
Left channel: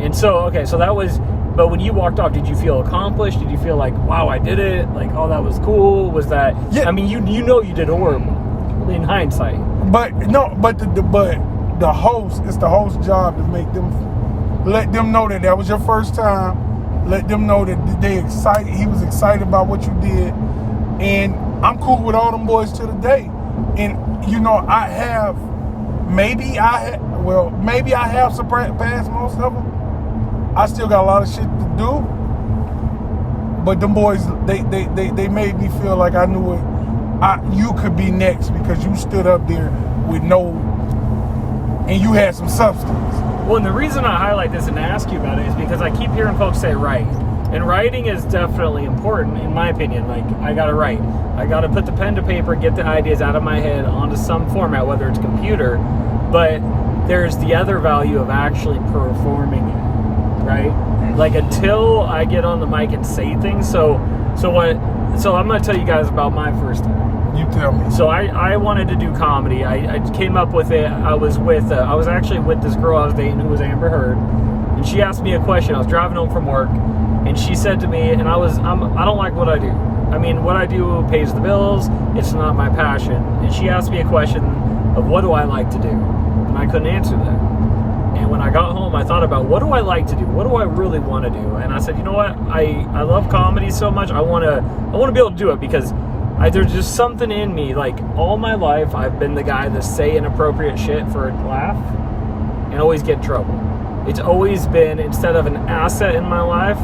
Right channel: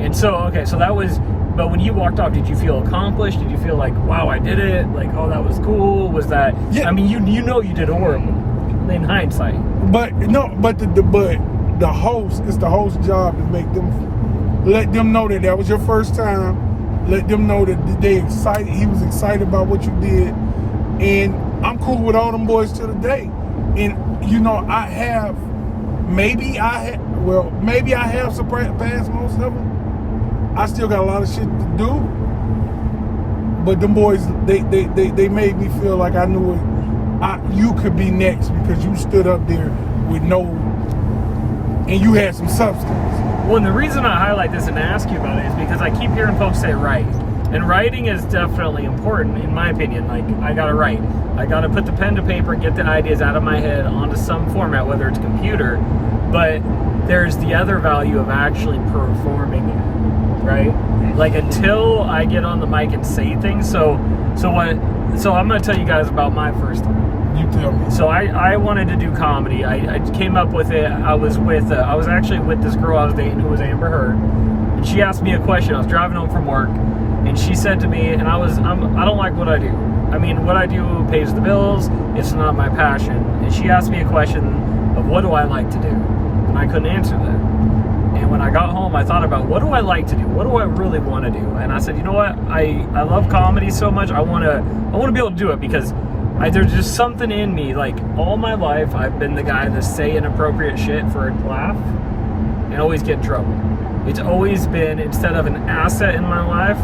And so, okay, so that was, but when you walked off, did you feel accomplished? Did you feel like, wow, I did it? Like, oh, that was cool? Was that, yeah. I mean, you know you did horrible in hindsight. But the host, it's the host's job to make them, let them know that was your first time. Let them know that he was excited about what you did. And I'm cool with all them boys to the day. And, you know, maybe I have surpassed most of them. I still got a lot of shit to do. But them boys, they made me feel like I knew it. You could be next because you stood up there with and you had some substance. Well, and the reason I highlight this and ask you about it is because I keep hearing folks say write. And writing is definitely important, in my opinion. Like, I gotta write. I gotta put the pen to paper, get the ideas out of my head onto some format, whether it's computer. But there's the other value of actually performing it, right? Like, until I get on the mic and say things. So I'm gonna tell you guys about my first time. You tell me. So I wanted to do comedy. I came up with it. I was actually with this girl I was dating who was Amber Heard, and she asked me a question. I was driving home from work, and she said to me, and I don't like what I do. I mean, what I do pays the bills. It's not my passion. And she asked me a question of what do I like to do, and I couldn't answer that. And when I got home, I thought about what do I like to do? What do I really want to do? And I said, you know what? I love comedy so much. I want to be able to do it because there's just something in me. Like, all my life, I've been the guy that say inappropriate shit for a laugh and always get in trouble. It's always been, instead of an asset in my life,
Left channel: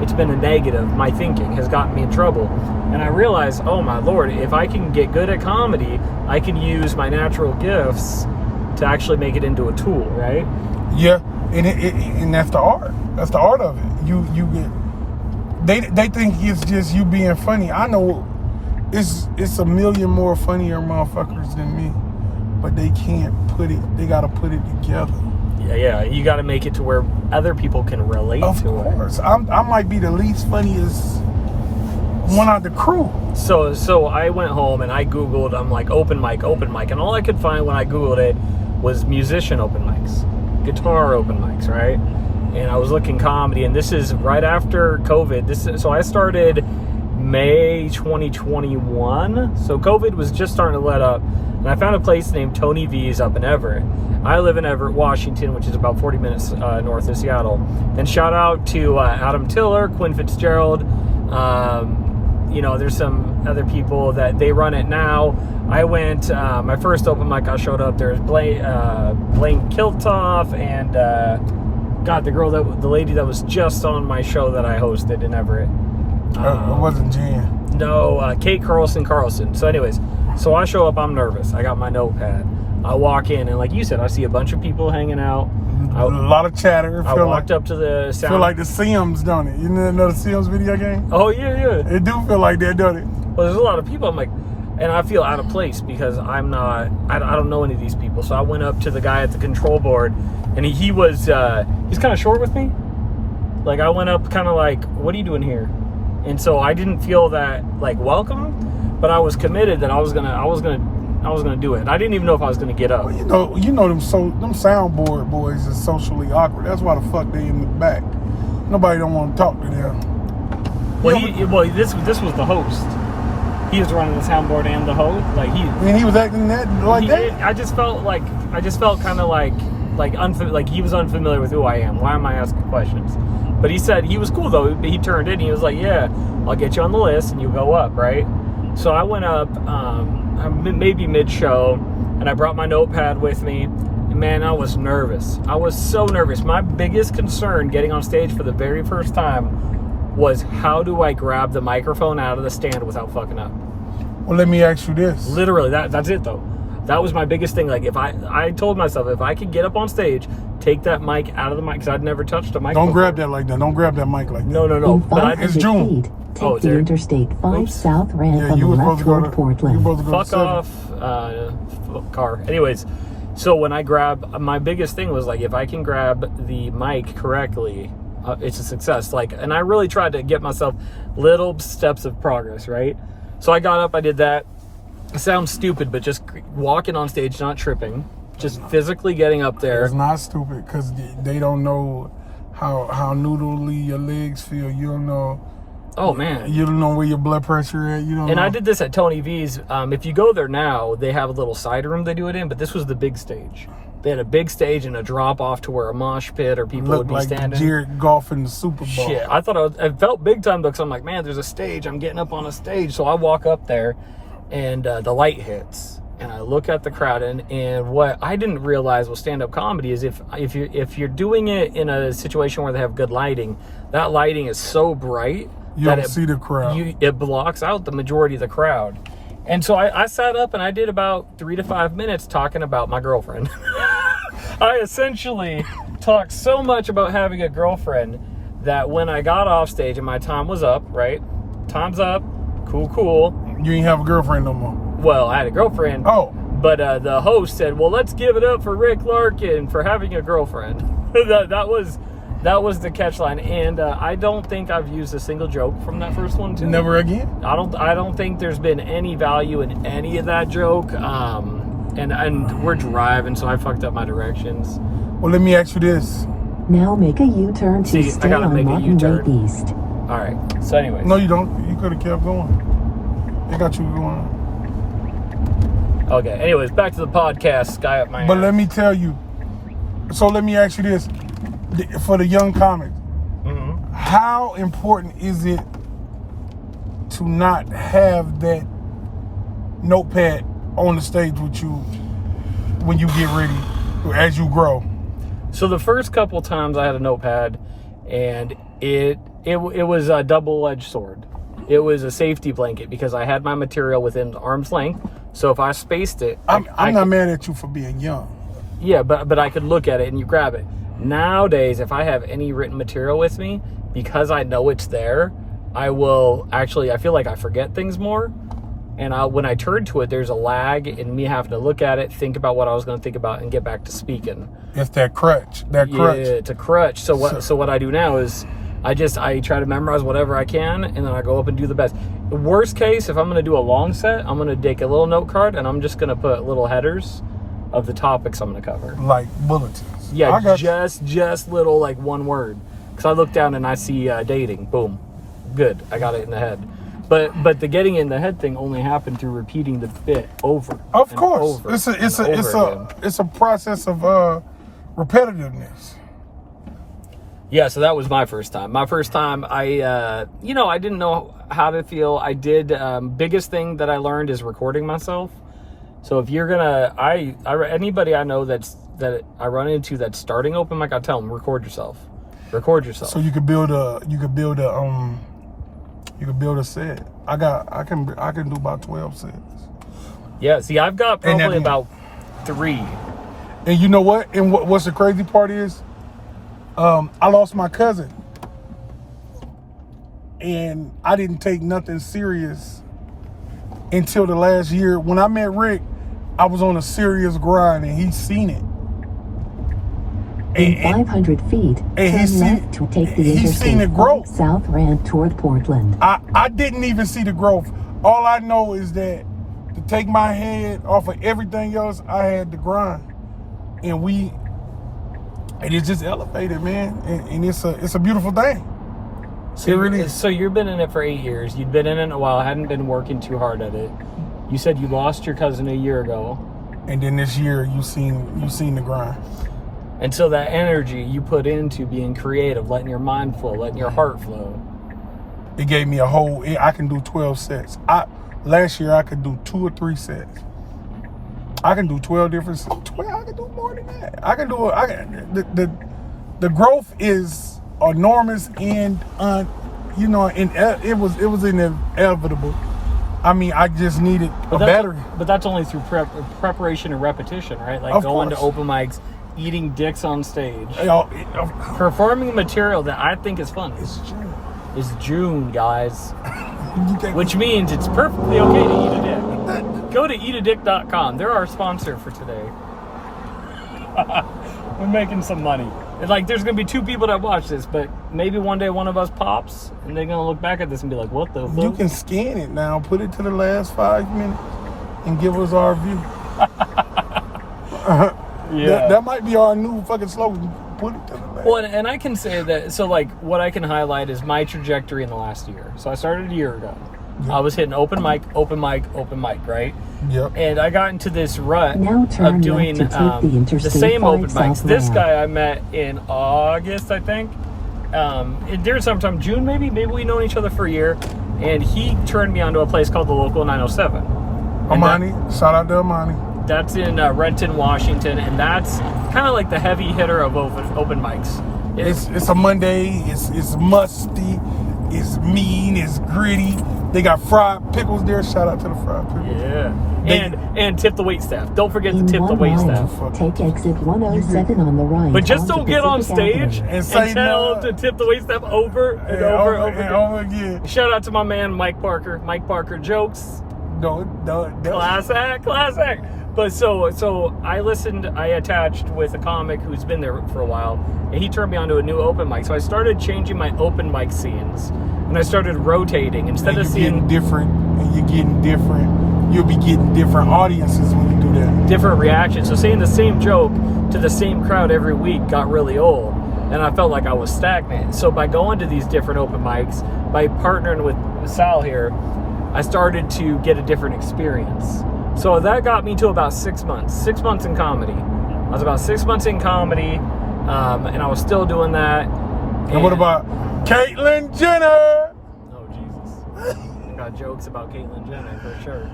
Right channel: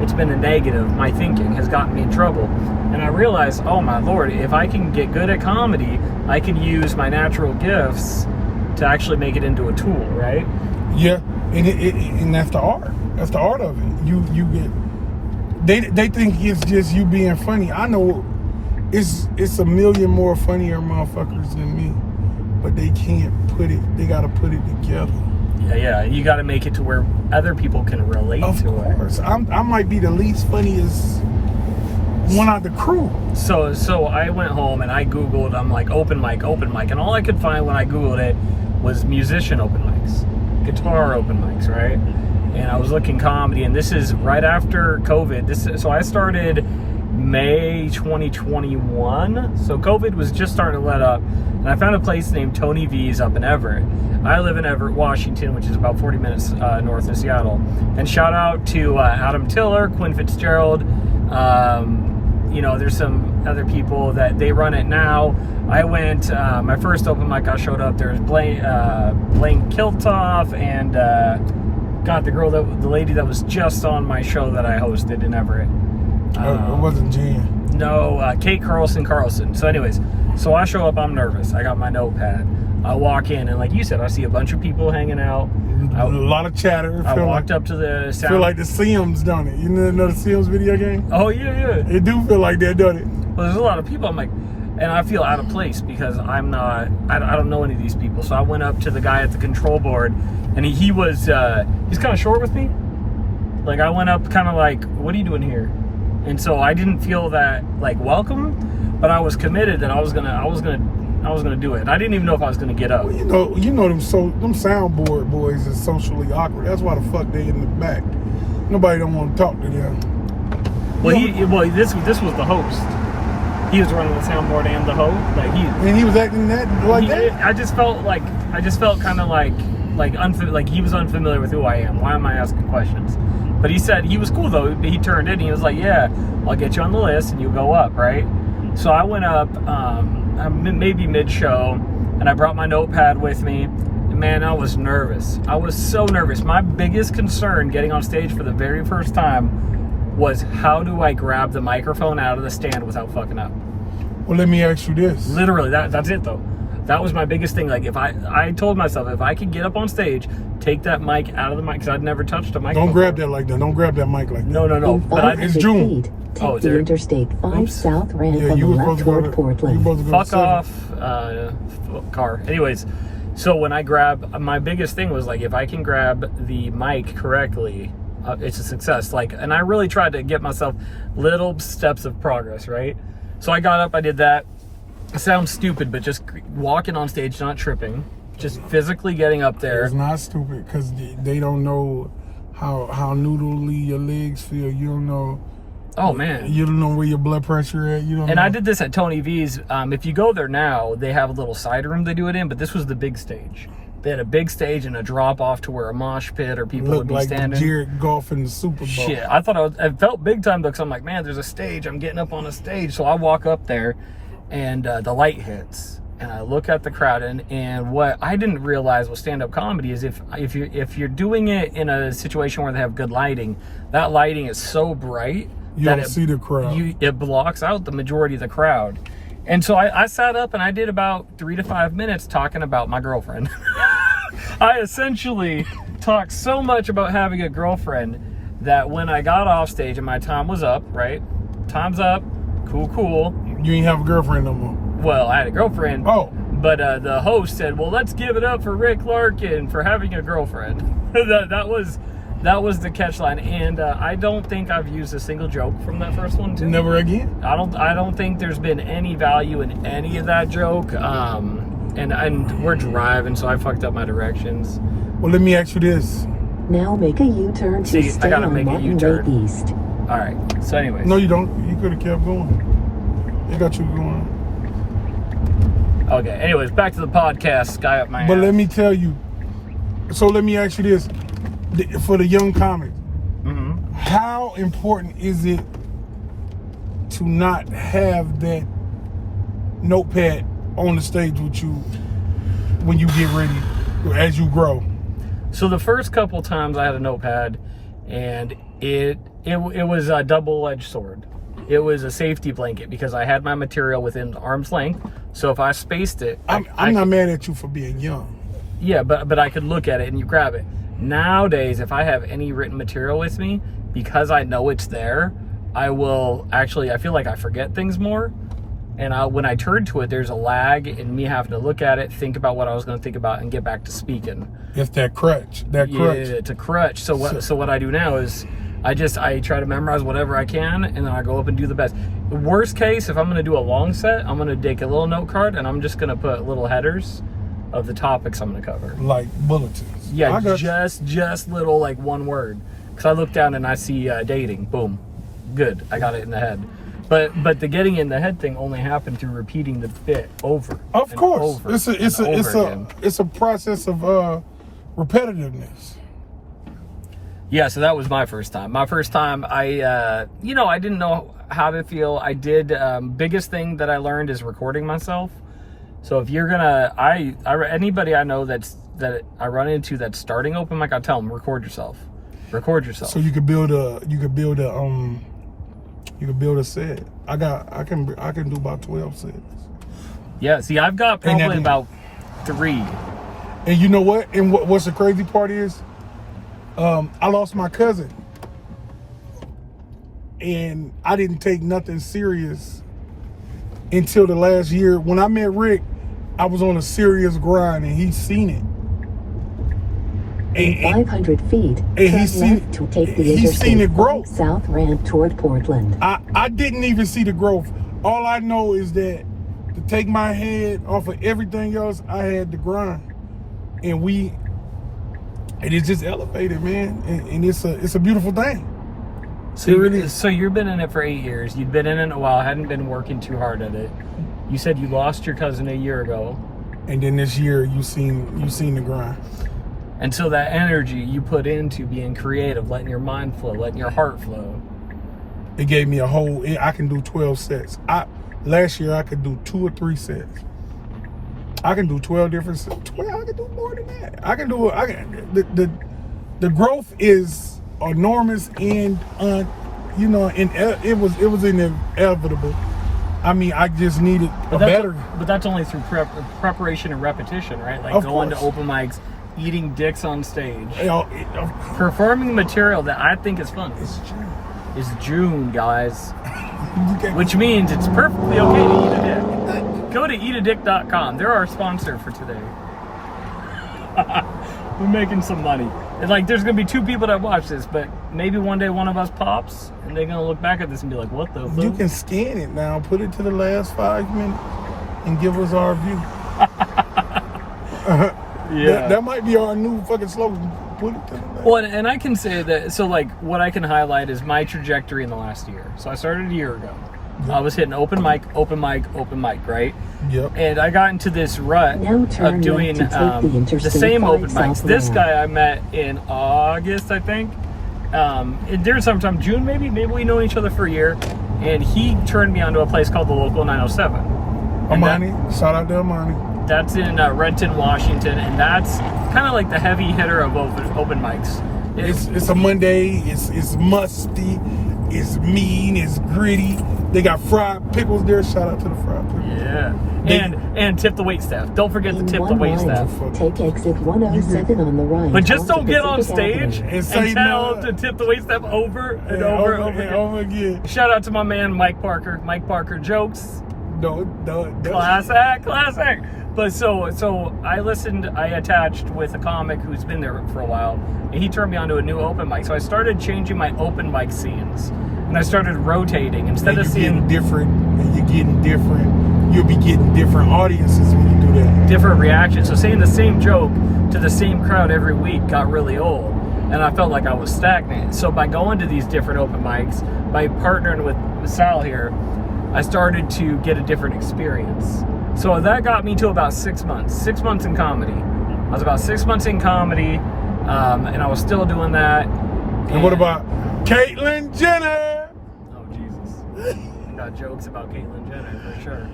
it's been a negative. My thinking has gotten me in trouble. And I realized, oh my Lord, if I can get good at comedy, I can use my natural gifts to actually make it into a tool, right? Yeah, and that's the art. That's the art of it. They think it's just you being funny. I know it's a million more funnier motherfuckers than me, but they can't put it. They got to put it together. Yeah. You got to make it to where other people can relate to it. Of course, I might be the least funniest one of the crew. So I went home and I Googled. I'm like open mic, and all I could find when I Googled it was musician open mics, guitar open mics, right? And I was looking comedy, and this is right after COVID. So I started May 2021. So COVID was just starting to let up, and I found a place named Tony V's up in Everett. I live in Everett, Washington, which is about 40 minutes north of Seattle. And shout out to Adam Tiller, Quinn Fitzgerald. There's some other people that they run it now. I went, my first open mic I showed up, there was Blaine Kiltoff and the lady that was just on my show that I hosted in Everett. It wasn't Jen. No, Kate Carlson. So anyways, so I show up, I'm nervous. I got my notepad. I walk in, and like you said, I see a bunch of people hanging out. A lot of chatter. I walked up to the sound. Feel like the Sims, don't it? You know the Sims video game? Oh, yeah. It do feel like that, don't it? Well, there's a lot of people. I'm like, and I feel out of place because I don't know any of these people. So I went up to the guy at the control board, and he's kind of short with me. Like, I went up kind of like, what are you doing here? And so I didn't feel that like welcome, but I was committed that I was gonna do it. I didn't even know if I was gonna get up. Well, you know them soundboard boys is socially awkward. That's why the fuck they in the back. Nobody don't want to talk to them. Well, this was the host. He was running the soundboard and the host. Like he was acting that. I just felt kind of like he was unfamiliar with who I am. Why am I asking questions? But he said he was cool though. He turned in. He was like, "Yeah, I'll get you on the list and you go up, right?" So I went up, maybe mid-show, and I brought my notepad with me. And man, I was nervous. I was so nervous. My biggest concern getting on stage for the very first time was how do I grab the microphone out of the stand without fucking up? Well, let me ask you this. Literally, that's it though. That was my biggest thing. Like, if I told myself, if I could get up on stage, take that mic out of the mic, because I'd never touched a mic Don't before. grab that like that. Don't grab that mic like that. No. In But 500 it's June. feet, take Oh, the there. Interstate 5 Oops. South ramp Yeah, on the you was left supposed to go toward to Portland. You supposed to go fuck to off, car. Anyways, so when I grab, my biggest thing was like, if I can grab the mic correctly, it's a success. Like, and I really tried to get myself little steps of progress, right? So I got up, I did that. It sounds stupid, but just walking on stage, not tripping, just physically getting up there. It's not stupid because they don't know how noodly your legs feel. You don't know. Oh man. You don't know where your blood pressure at. You don't. And know. I did this at Tony V's. If you go there now, they have a little side room they do it in, but this was the big stage. They had a big stage and a drop off to where a mosh pit or people would Look be like standing. Jared Goff in the Super Bowl. Shit, I thought it felt big time though, because I'm like, man, there's a stage. I'm getting up on a stage. So I walk up there and the light hits and I look at the crowd and what I didn't realize with stand-up comedy is if you're doing it in a situation where they have good lighting, that lighting is so bright You that don't see the crowd. it blocks out the majority of the crowd. And so I sat up and I did about 3 to 5 minutes talking about my girlfriend. I essentially talked so much about having a girlfriend that when I got off stage and my time was up, right? Time's up. Cool. You ain't have a girlfriend no more. Well, I had a girlfriend. Oh. But the host said, well, let's give it up for Rick Larkin for having a girlfriend. that was the catchline. And I don't think I've used a single joke from that first one, too. Never again. I don't think there's been any value in any of that joke. And we're driving, so I fucked up my directions. Well, let me ask you this. Now make a U-turn to See, I stay gotta on make a Martin Way U-turn. East. All right. So, anyways. No, you don't. You could have kept going. It got you going. Okay. Anyways, back to the podcast. Guy up my But ass. let me tell you. So let me ask you this: for the young comics, Mhm. how important is it to not have that notepad on the stage with you when you get ready, as you grow? So the first couple times I had a notepad, and it was a double-edged sword. It was a safety blanket because I had my material within arm's length. So if I spaced it, I'm not mad at you for being young. yeah, but I could look at it and you grab it. Nowadays, if I have any written material with me, because I know it's there, I feel like I forget things more. And when I turn to it, there's a lag in me having to look at it, think about what I was going to think about, and get back to speaking. It's that crutch. That Yeah, crutch. it's a crutch. So what I do now is I try to memorize whatever I can, and then I go up and do the best. The worst case, if I'm going to do a long set, I'm going to take a little note card and I'm just going to put little headers of the topics I'm going to cover. Like bulletins. Yeah, I got you. just little, like, one word. Because I look down and I see dating. Boom. Good. I got it in the head. But the getting in the head thing only happened through repeating the bit over. Of and course, over it's again. a process of repetitiveness. Yeah, so that was my first time. My first time, I didn't know how to feel. I did. Biggest thing that I learned is recording myself. So if you're gonna, anybody I know that I run into that's starting open mic, I tell them record yourself. Record yourself. So you could build a set. I can do about 12 sets. Yeah. See, I've got probably about 3. And you know what? And what's the crazy part is, I lost my cousin, and I didn't take nothing serious until the last year. When I met Rick, I was on a serious grind, and he's seen it. In 500 feet, and turn he's seen- left to take the he's seen Interstate it grow. 5 South ramp toward Portland. I didn't even see the growth. All I know is that to take my head off of everything else, I had to grind, and it's just elevated, man, and it's a beautiful thing. So, It really is. so you've been in it for 8 years. You'd been in it a while. Hadn't been working too hard at it. You said you lost your cousin a year ago. And then this year, you seen the grind. And so that energy you put into being creative, letting your mind flow, letting your heart flow. It gave me I can do 12 sets. Last year I could do 2 or 3 sets. I can do 12 different sets. 12, I can do more than that. The growth is enormous and you know, it was inevitable. I mean, I just needed a better. But that's only through preparation and repetition, right? Like Of going to course. open mics, eating dicks on stage, You know, performing material that I think is fun. it's true. It's June, guys. You can't- Which means it's perfectly okay to eat a dick. Go to eatadick.com. They're our sponsor for today. We're making some money. And like, there's going to be 2 people that watch this, but maybe one day one of us pops, and they're going to look back at this and be like, what the You fuck? can scan it now, put it to the last 5 minutes, and give us our review. Yeah. That might be our new fucking slogan. Put it to the last. Well, and I can say that, so like, what I can highlight is my trajectory in the last year. So I started a year ago. I was hitting open mic, right? Yep. And I got into this rut Now turn of doing left to take the the Interstate same 5 open mics. This southbound. guy I met in August, I think. During sometime June, maybe we know each other for a year. And he turned me onto a place called the Local 907. And Amani, shout out to Amani. that's in Renton, Washington, and that's kind of like the heavy hitter of open mics. It's a Monday. It's musty. It's mean. It's gritty. They got fried pickles there. Shout out to the fried pickles. Yeah. They- And tip the wait staff. Don't forget to In tip the 1 wait mile, staff. take exit 107 on the right. But just onto don't get on Pacific stage Avenue. and say tell no. them to tip the wait staff over and over and over and again. over again. Shout out to my man Mike Parker. Mike Parker jokes. No. Class act. But so I attached with a comic who's been there for a while, and he turned me onto a new open mic. So I started changing my open mic scenes, and I started rotating instead And of you're seeing getting different, and you're getting different. You'll be getting different audiences when you do that. different reactions. So saying the same joke to the same crowd every week got really old, and I felt like I was stagnant. So by going to these different open mics, by partnering with Sal here, I started to get a different experience. So that got me to about 6 months. 6 months in comedy. I was about 6 months in comedy, and I was still doing that. And what about Caitlyn Jenner? Oh, Jesus. Got jokes about Caitlyn Jenner, for sure.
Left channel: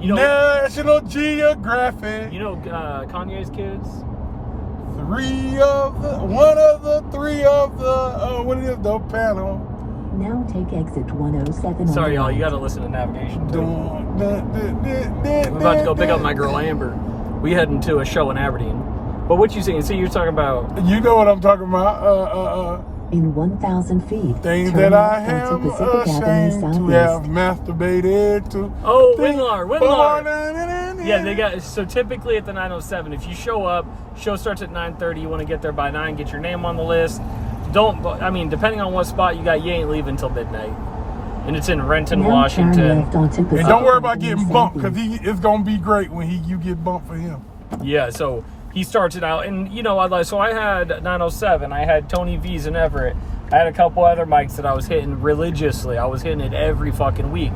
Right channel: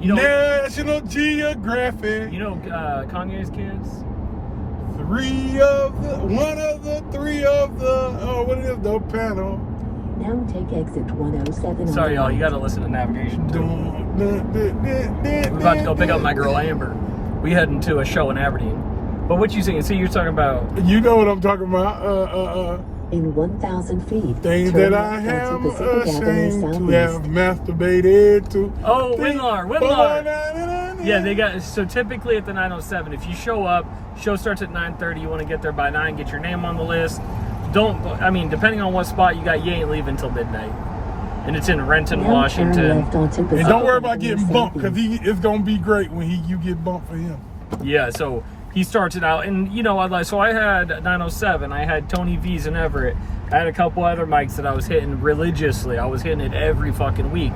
You know, National Geographic. you know Kanye's kids? One of the three of the, what is the panel? Now take exit 107 on Sorry, the y'all. right. You got to listen to navigation. Too. We're We're about to go pick up my girl Amber. We heading to a show in Aberdeen. But what you saying? See, you're talking about. You know what I'm talking about. In 1,000 feet, Things turn that I left onto have Pacific Avenue ashamed to have Southeast. masturbated to. Oh, Think Winlar. Yeah, they got. So typically at the 907, if you show up, show starts at 9:30. You want to get there by 9. Get your name on the list. Depending on what spot you got, you ain't leaving till midnight. And it's in Renton, Now turn Washington. left onto And Pacific don't worry about Avenue getting bumped, because Southeast. it's going to be great when you get bumped for him. Yeah, so he starts it out, and you know, I had 907, I had Tony V's in Everett, I had a couple other mics that I was hitting religiously. I was hitting it every fucking week.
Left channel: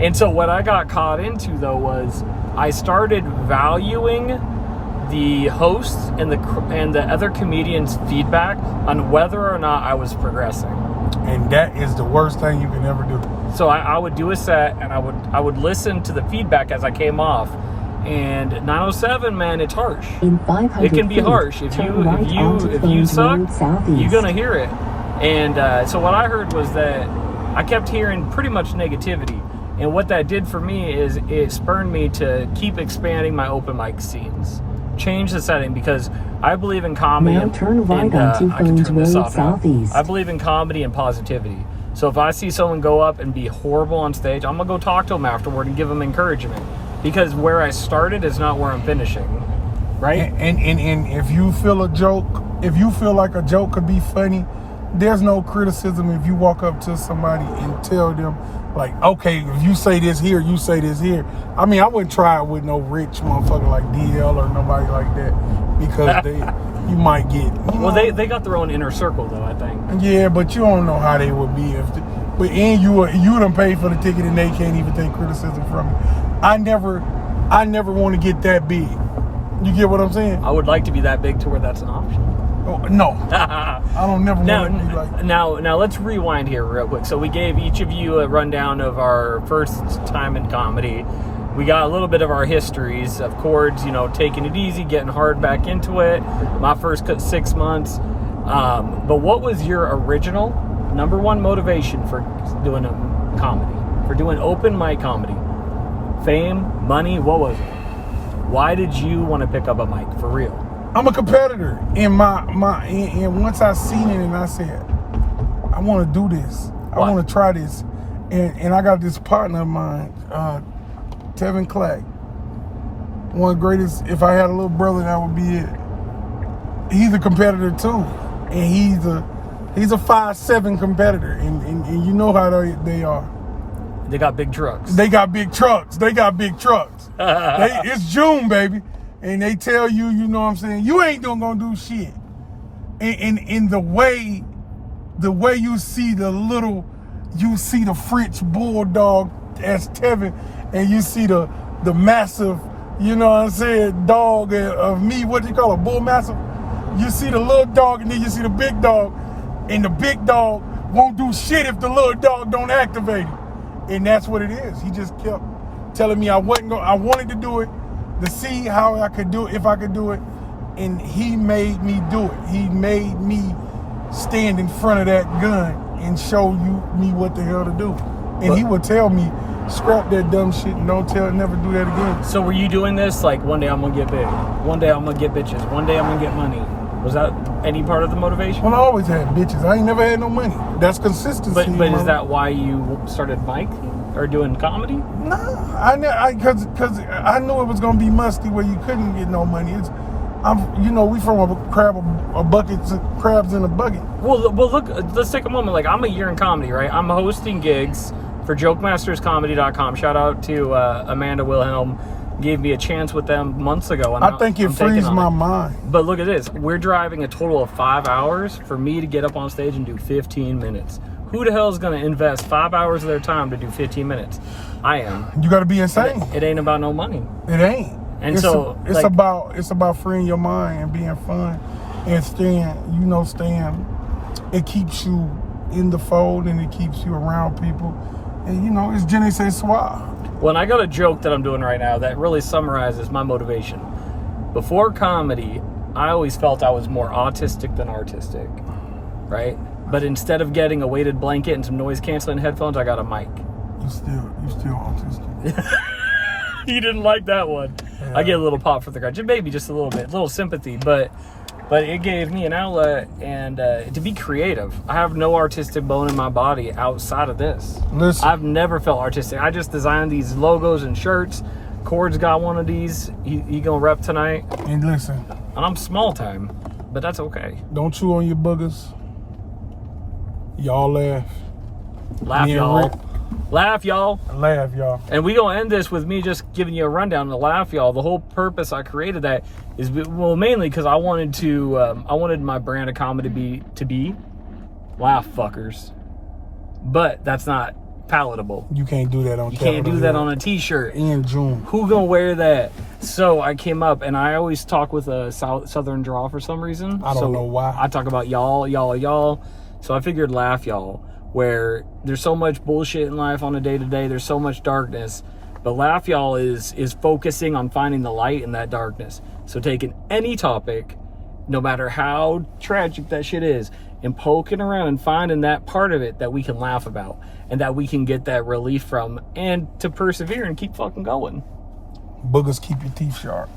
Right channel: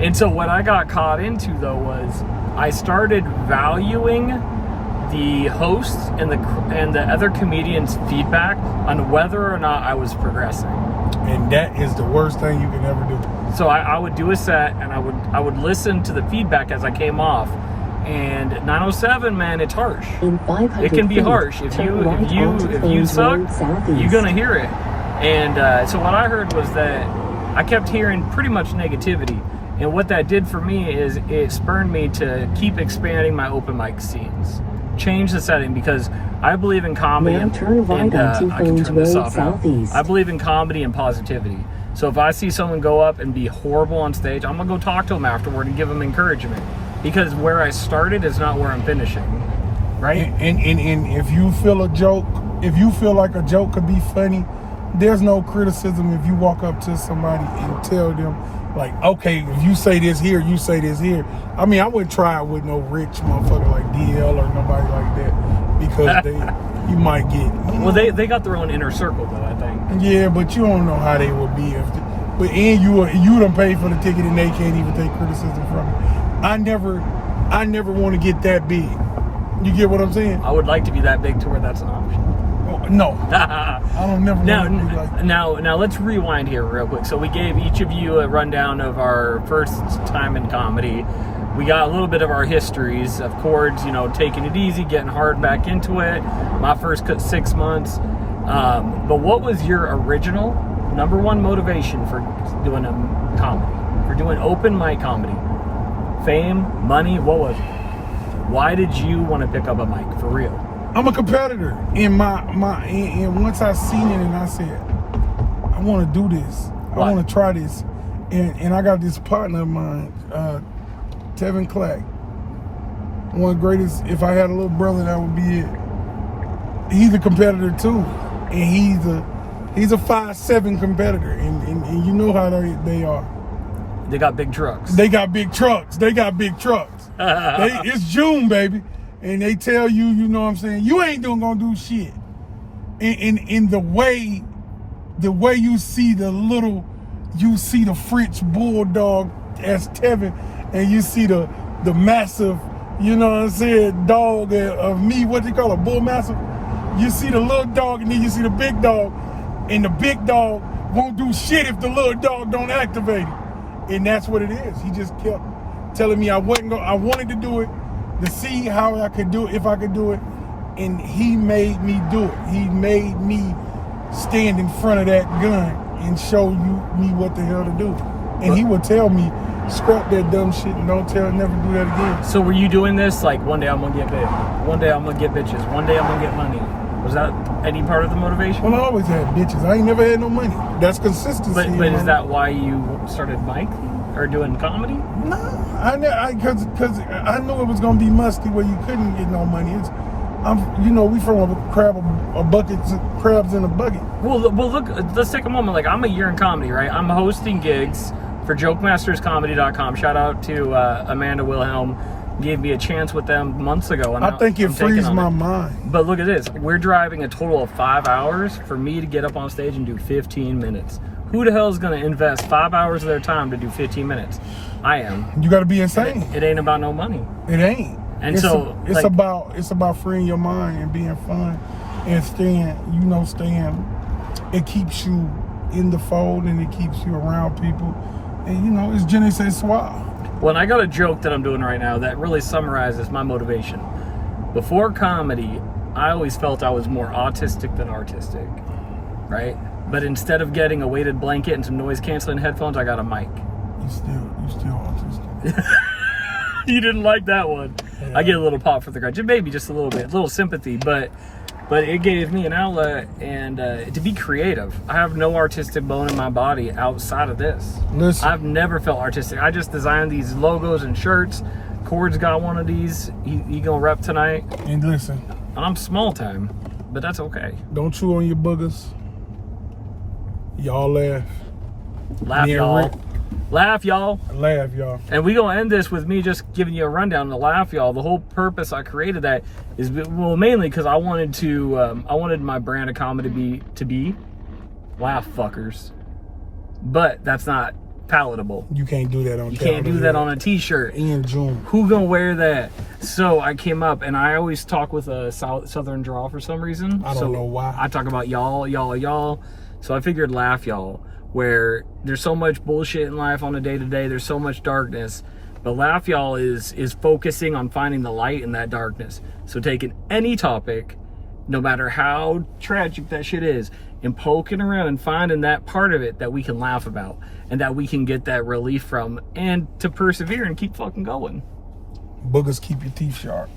And so what I got caught into though was I started valuing the hosts and the other comedians' feedback on whether or not I was progressing. And that is the worst thing you can ever do. So I would do a set, and I would listen to the feedback as I came off. And 907, man, it's harsh. In 500 It can be feet, harsh. If turn you right onto suck, Road Southeast. you're gonna hear it. And so what I heard was that I kept hearing pretty much negativity. And what that did for me is it spurred me to keep expanding my open mic scenes, change the setting, because I believe in comedy. Now turn right onto I can Phones turn this Road off now. Southeast. I believe in comedy and positivity. So if I see someone go up and be horrible on stage, I'm gonna go talk to them afterward and give them encouragement, because where I started is not where I'm finishing, right? And if you feel like a joke could be funny, there's no criticism if you walk up to somebody and tell them, like, okay, if you say this here, you say this here. I mean, I wouldn't try it with no rich motherfucker like DL or nobody like that, because you might get. Well, they got their own inner circle though, I think. Yeah, but you don't know how they would be but you done paid for the ticket and they can't even take criticism from you. I never want to get that big. You get what I'm saying? I would like to be that big to where that's an option. Oh, no, I don't never want to be like. Now let's rewind here real quick. So we gave each of you a rundown of our first time in comedy. We got a little bit of our histories of chords, taking it easy, getting hard back into it. My first 6 months. But what was your original number one motivation for doing a comedy, for doing open mic comedy? Fame, money, what was it? Why did you want to pick up a mic, for real? I'm a competitor, and and once I seen it, and I said, I want to do this. Why? I want to try this, and I got this partner of mine, Tevin Clack. One of the greatest. If I had a little brother, that would be it. He's a competitor too, and he's a 5'7" competitor, and you know how they are. They got big trucks. They got big trucks. It's June, baby. And they tell you, you know what I'm saying, you ain't gonna do shit. And the way you see the French bulldog as Tevin, and you see the massive, you know what I'm saying, dog of me, what do you call it, bull massive? You see the little dog, and then you see the big dog, and the big dog won't do shit if the little dog don't activate it. And that's what it is. He just kept telling me I wanted to do it, to see how I could do it, if I could do it, and he made me do it. He made me stand in front of that gun and show me what the hell to do. And he would tell me, scrap that dumb shit and never do that again. So were you doing this like, one day I'm gonna get big, one day I'm gonna get bitches, one day I'm gonna get money? Was that any part of the motivation? Well, I always had bitches. I ain't never had no money. That's consistency. But is that why you started miking or doing comedy? No, because I knew it was gonna be musty where you couldn't get no money. We from a bucket, crabs in a bucket. Well, look. Let's take a moment. Like, I'm a year in comedy, right? I'm hosting gigs for JokemastersComedy.com. Shout out to Amanda Wilhelm. Gave me a chance with them months ago. And I think it frees my mind. But look at this. We're driving a total of 5 hours for me to get up on stage and do 15 minutes. Who the hell is going to invest 5 hours of their time to do 15 minutes? I am. You got to be insane. It ain't about no money. It ain't. And it's like, it's about freeing your mind and being fun and staying. It keeps you in the fold and it keeps you around people. And it's je ne sais quoi. Well, and I got a joke that I'm doing right now that really summarizes my motivation. Before comedy, I always felt I was more autistic than artistic, right? But instead of getting a weighted blanket and some noise canceling headphones, I got a mic. You still autistic. You didn't like that one. Yeah. I get a little pop for the crowd. Maybe just a little bit, a little sympathy, but it gave me an outlet and to be creative. I have no artistic bone in my body outside of this. Listen, I've never felt artistic. I just designed these logos and shirts. Cord's got one of these. He gonna rep tonight. And listen. And I'm small time, but that's okay. Don't chew on your boogers. Y'all laugh. Laugh, y'all. Laugh, y'all. Laugh, y'all. And we gonna end this with me just giving you a rundown on the Laugh, y'all. The whole purpose I created that is, well, mainly because I wanted my brand of comedy to be laugh fuckers, but that's not palatable. You can't do that on. You can't do that on a t-shirt in June. Who gonna wear that? So I came up, and I always talk with a southern drawl for some reason. I don't know why. I talk about y'all. So I figured laugh, y'all. Where there's so much bullshit in life on a day-to-day, there's so much darkness, but laugh, y'all, is focusing on finding the light in that darkness. So taking any topic, no matter how tragic that shit is, and poking around and finding that part of it that we can laugh about and that we can get that relief from, and to persevere and keep fucking going. Boogers keep your teeth sharp.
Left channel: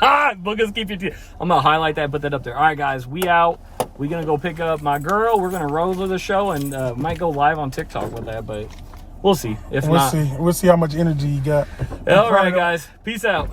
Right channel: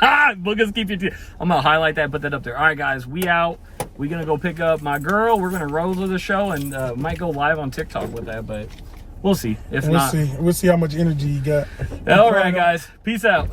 Boogers keep your teeth. I'm gonna highlight that, put that up there. All right, guys, we out. We're gonna go pick up my girl. We're gonna roll to the show and might go live on TikTok with that, but we'll see. If not, we'll see how much energy you got. All right, guys, peace out.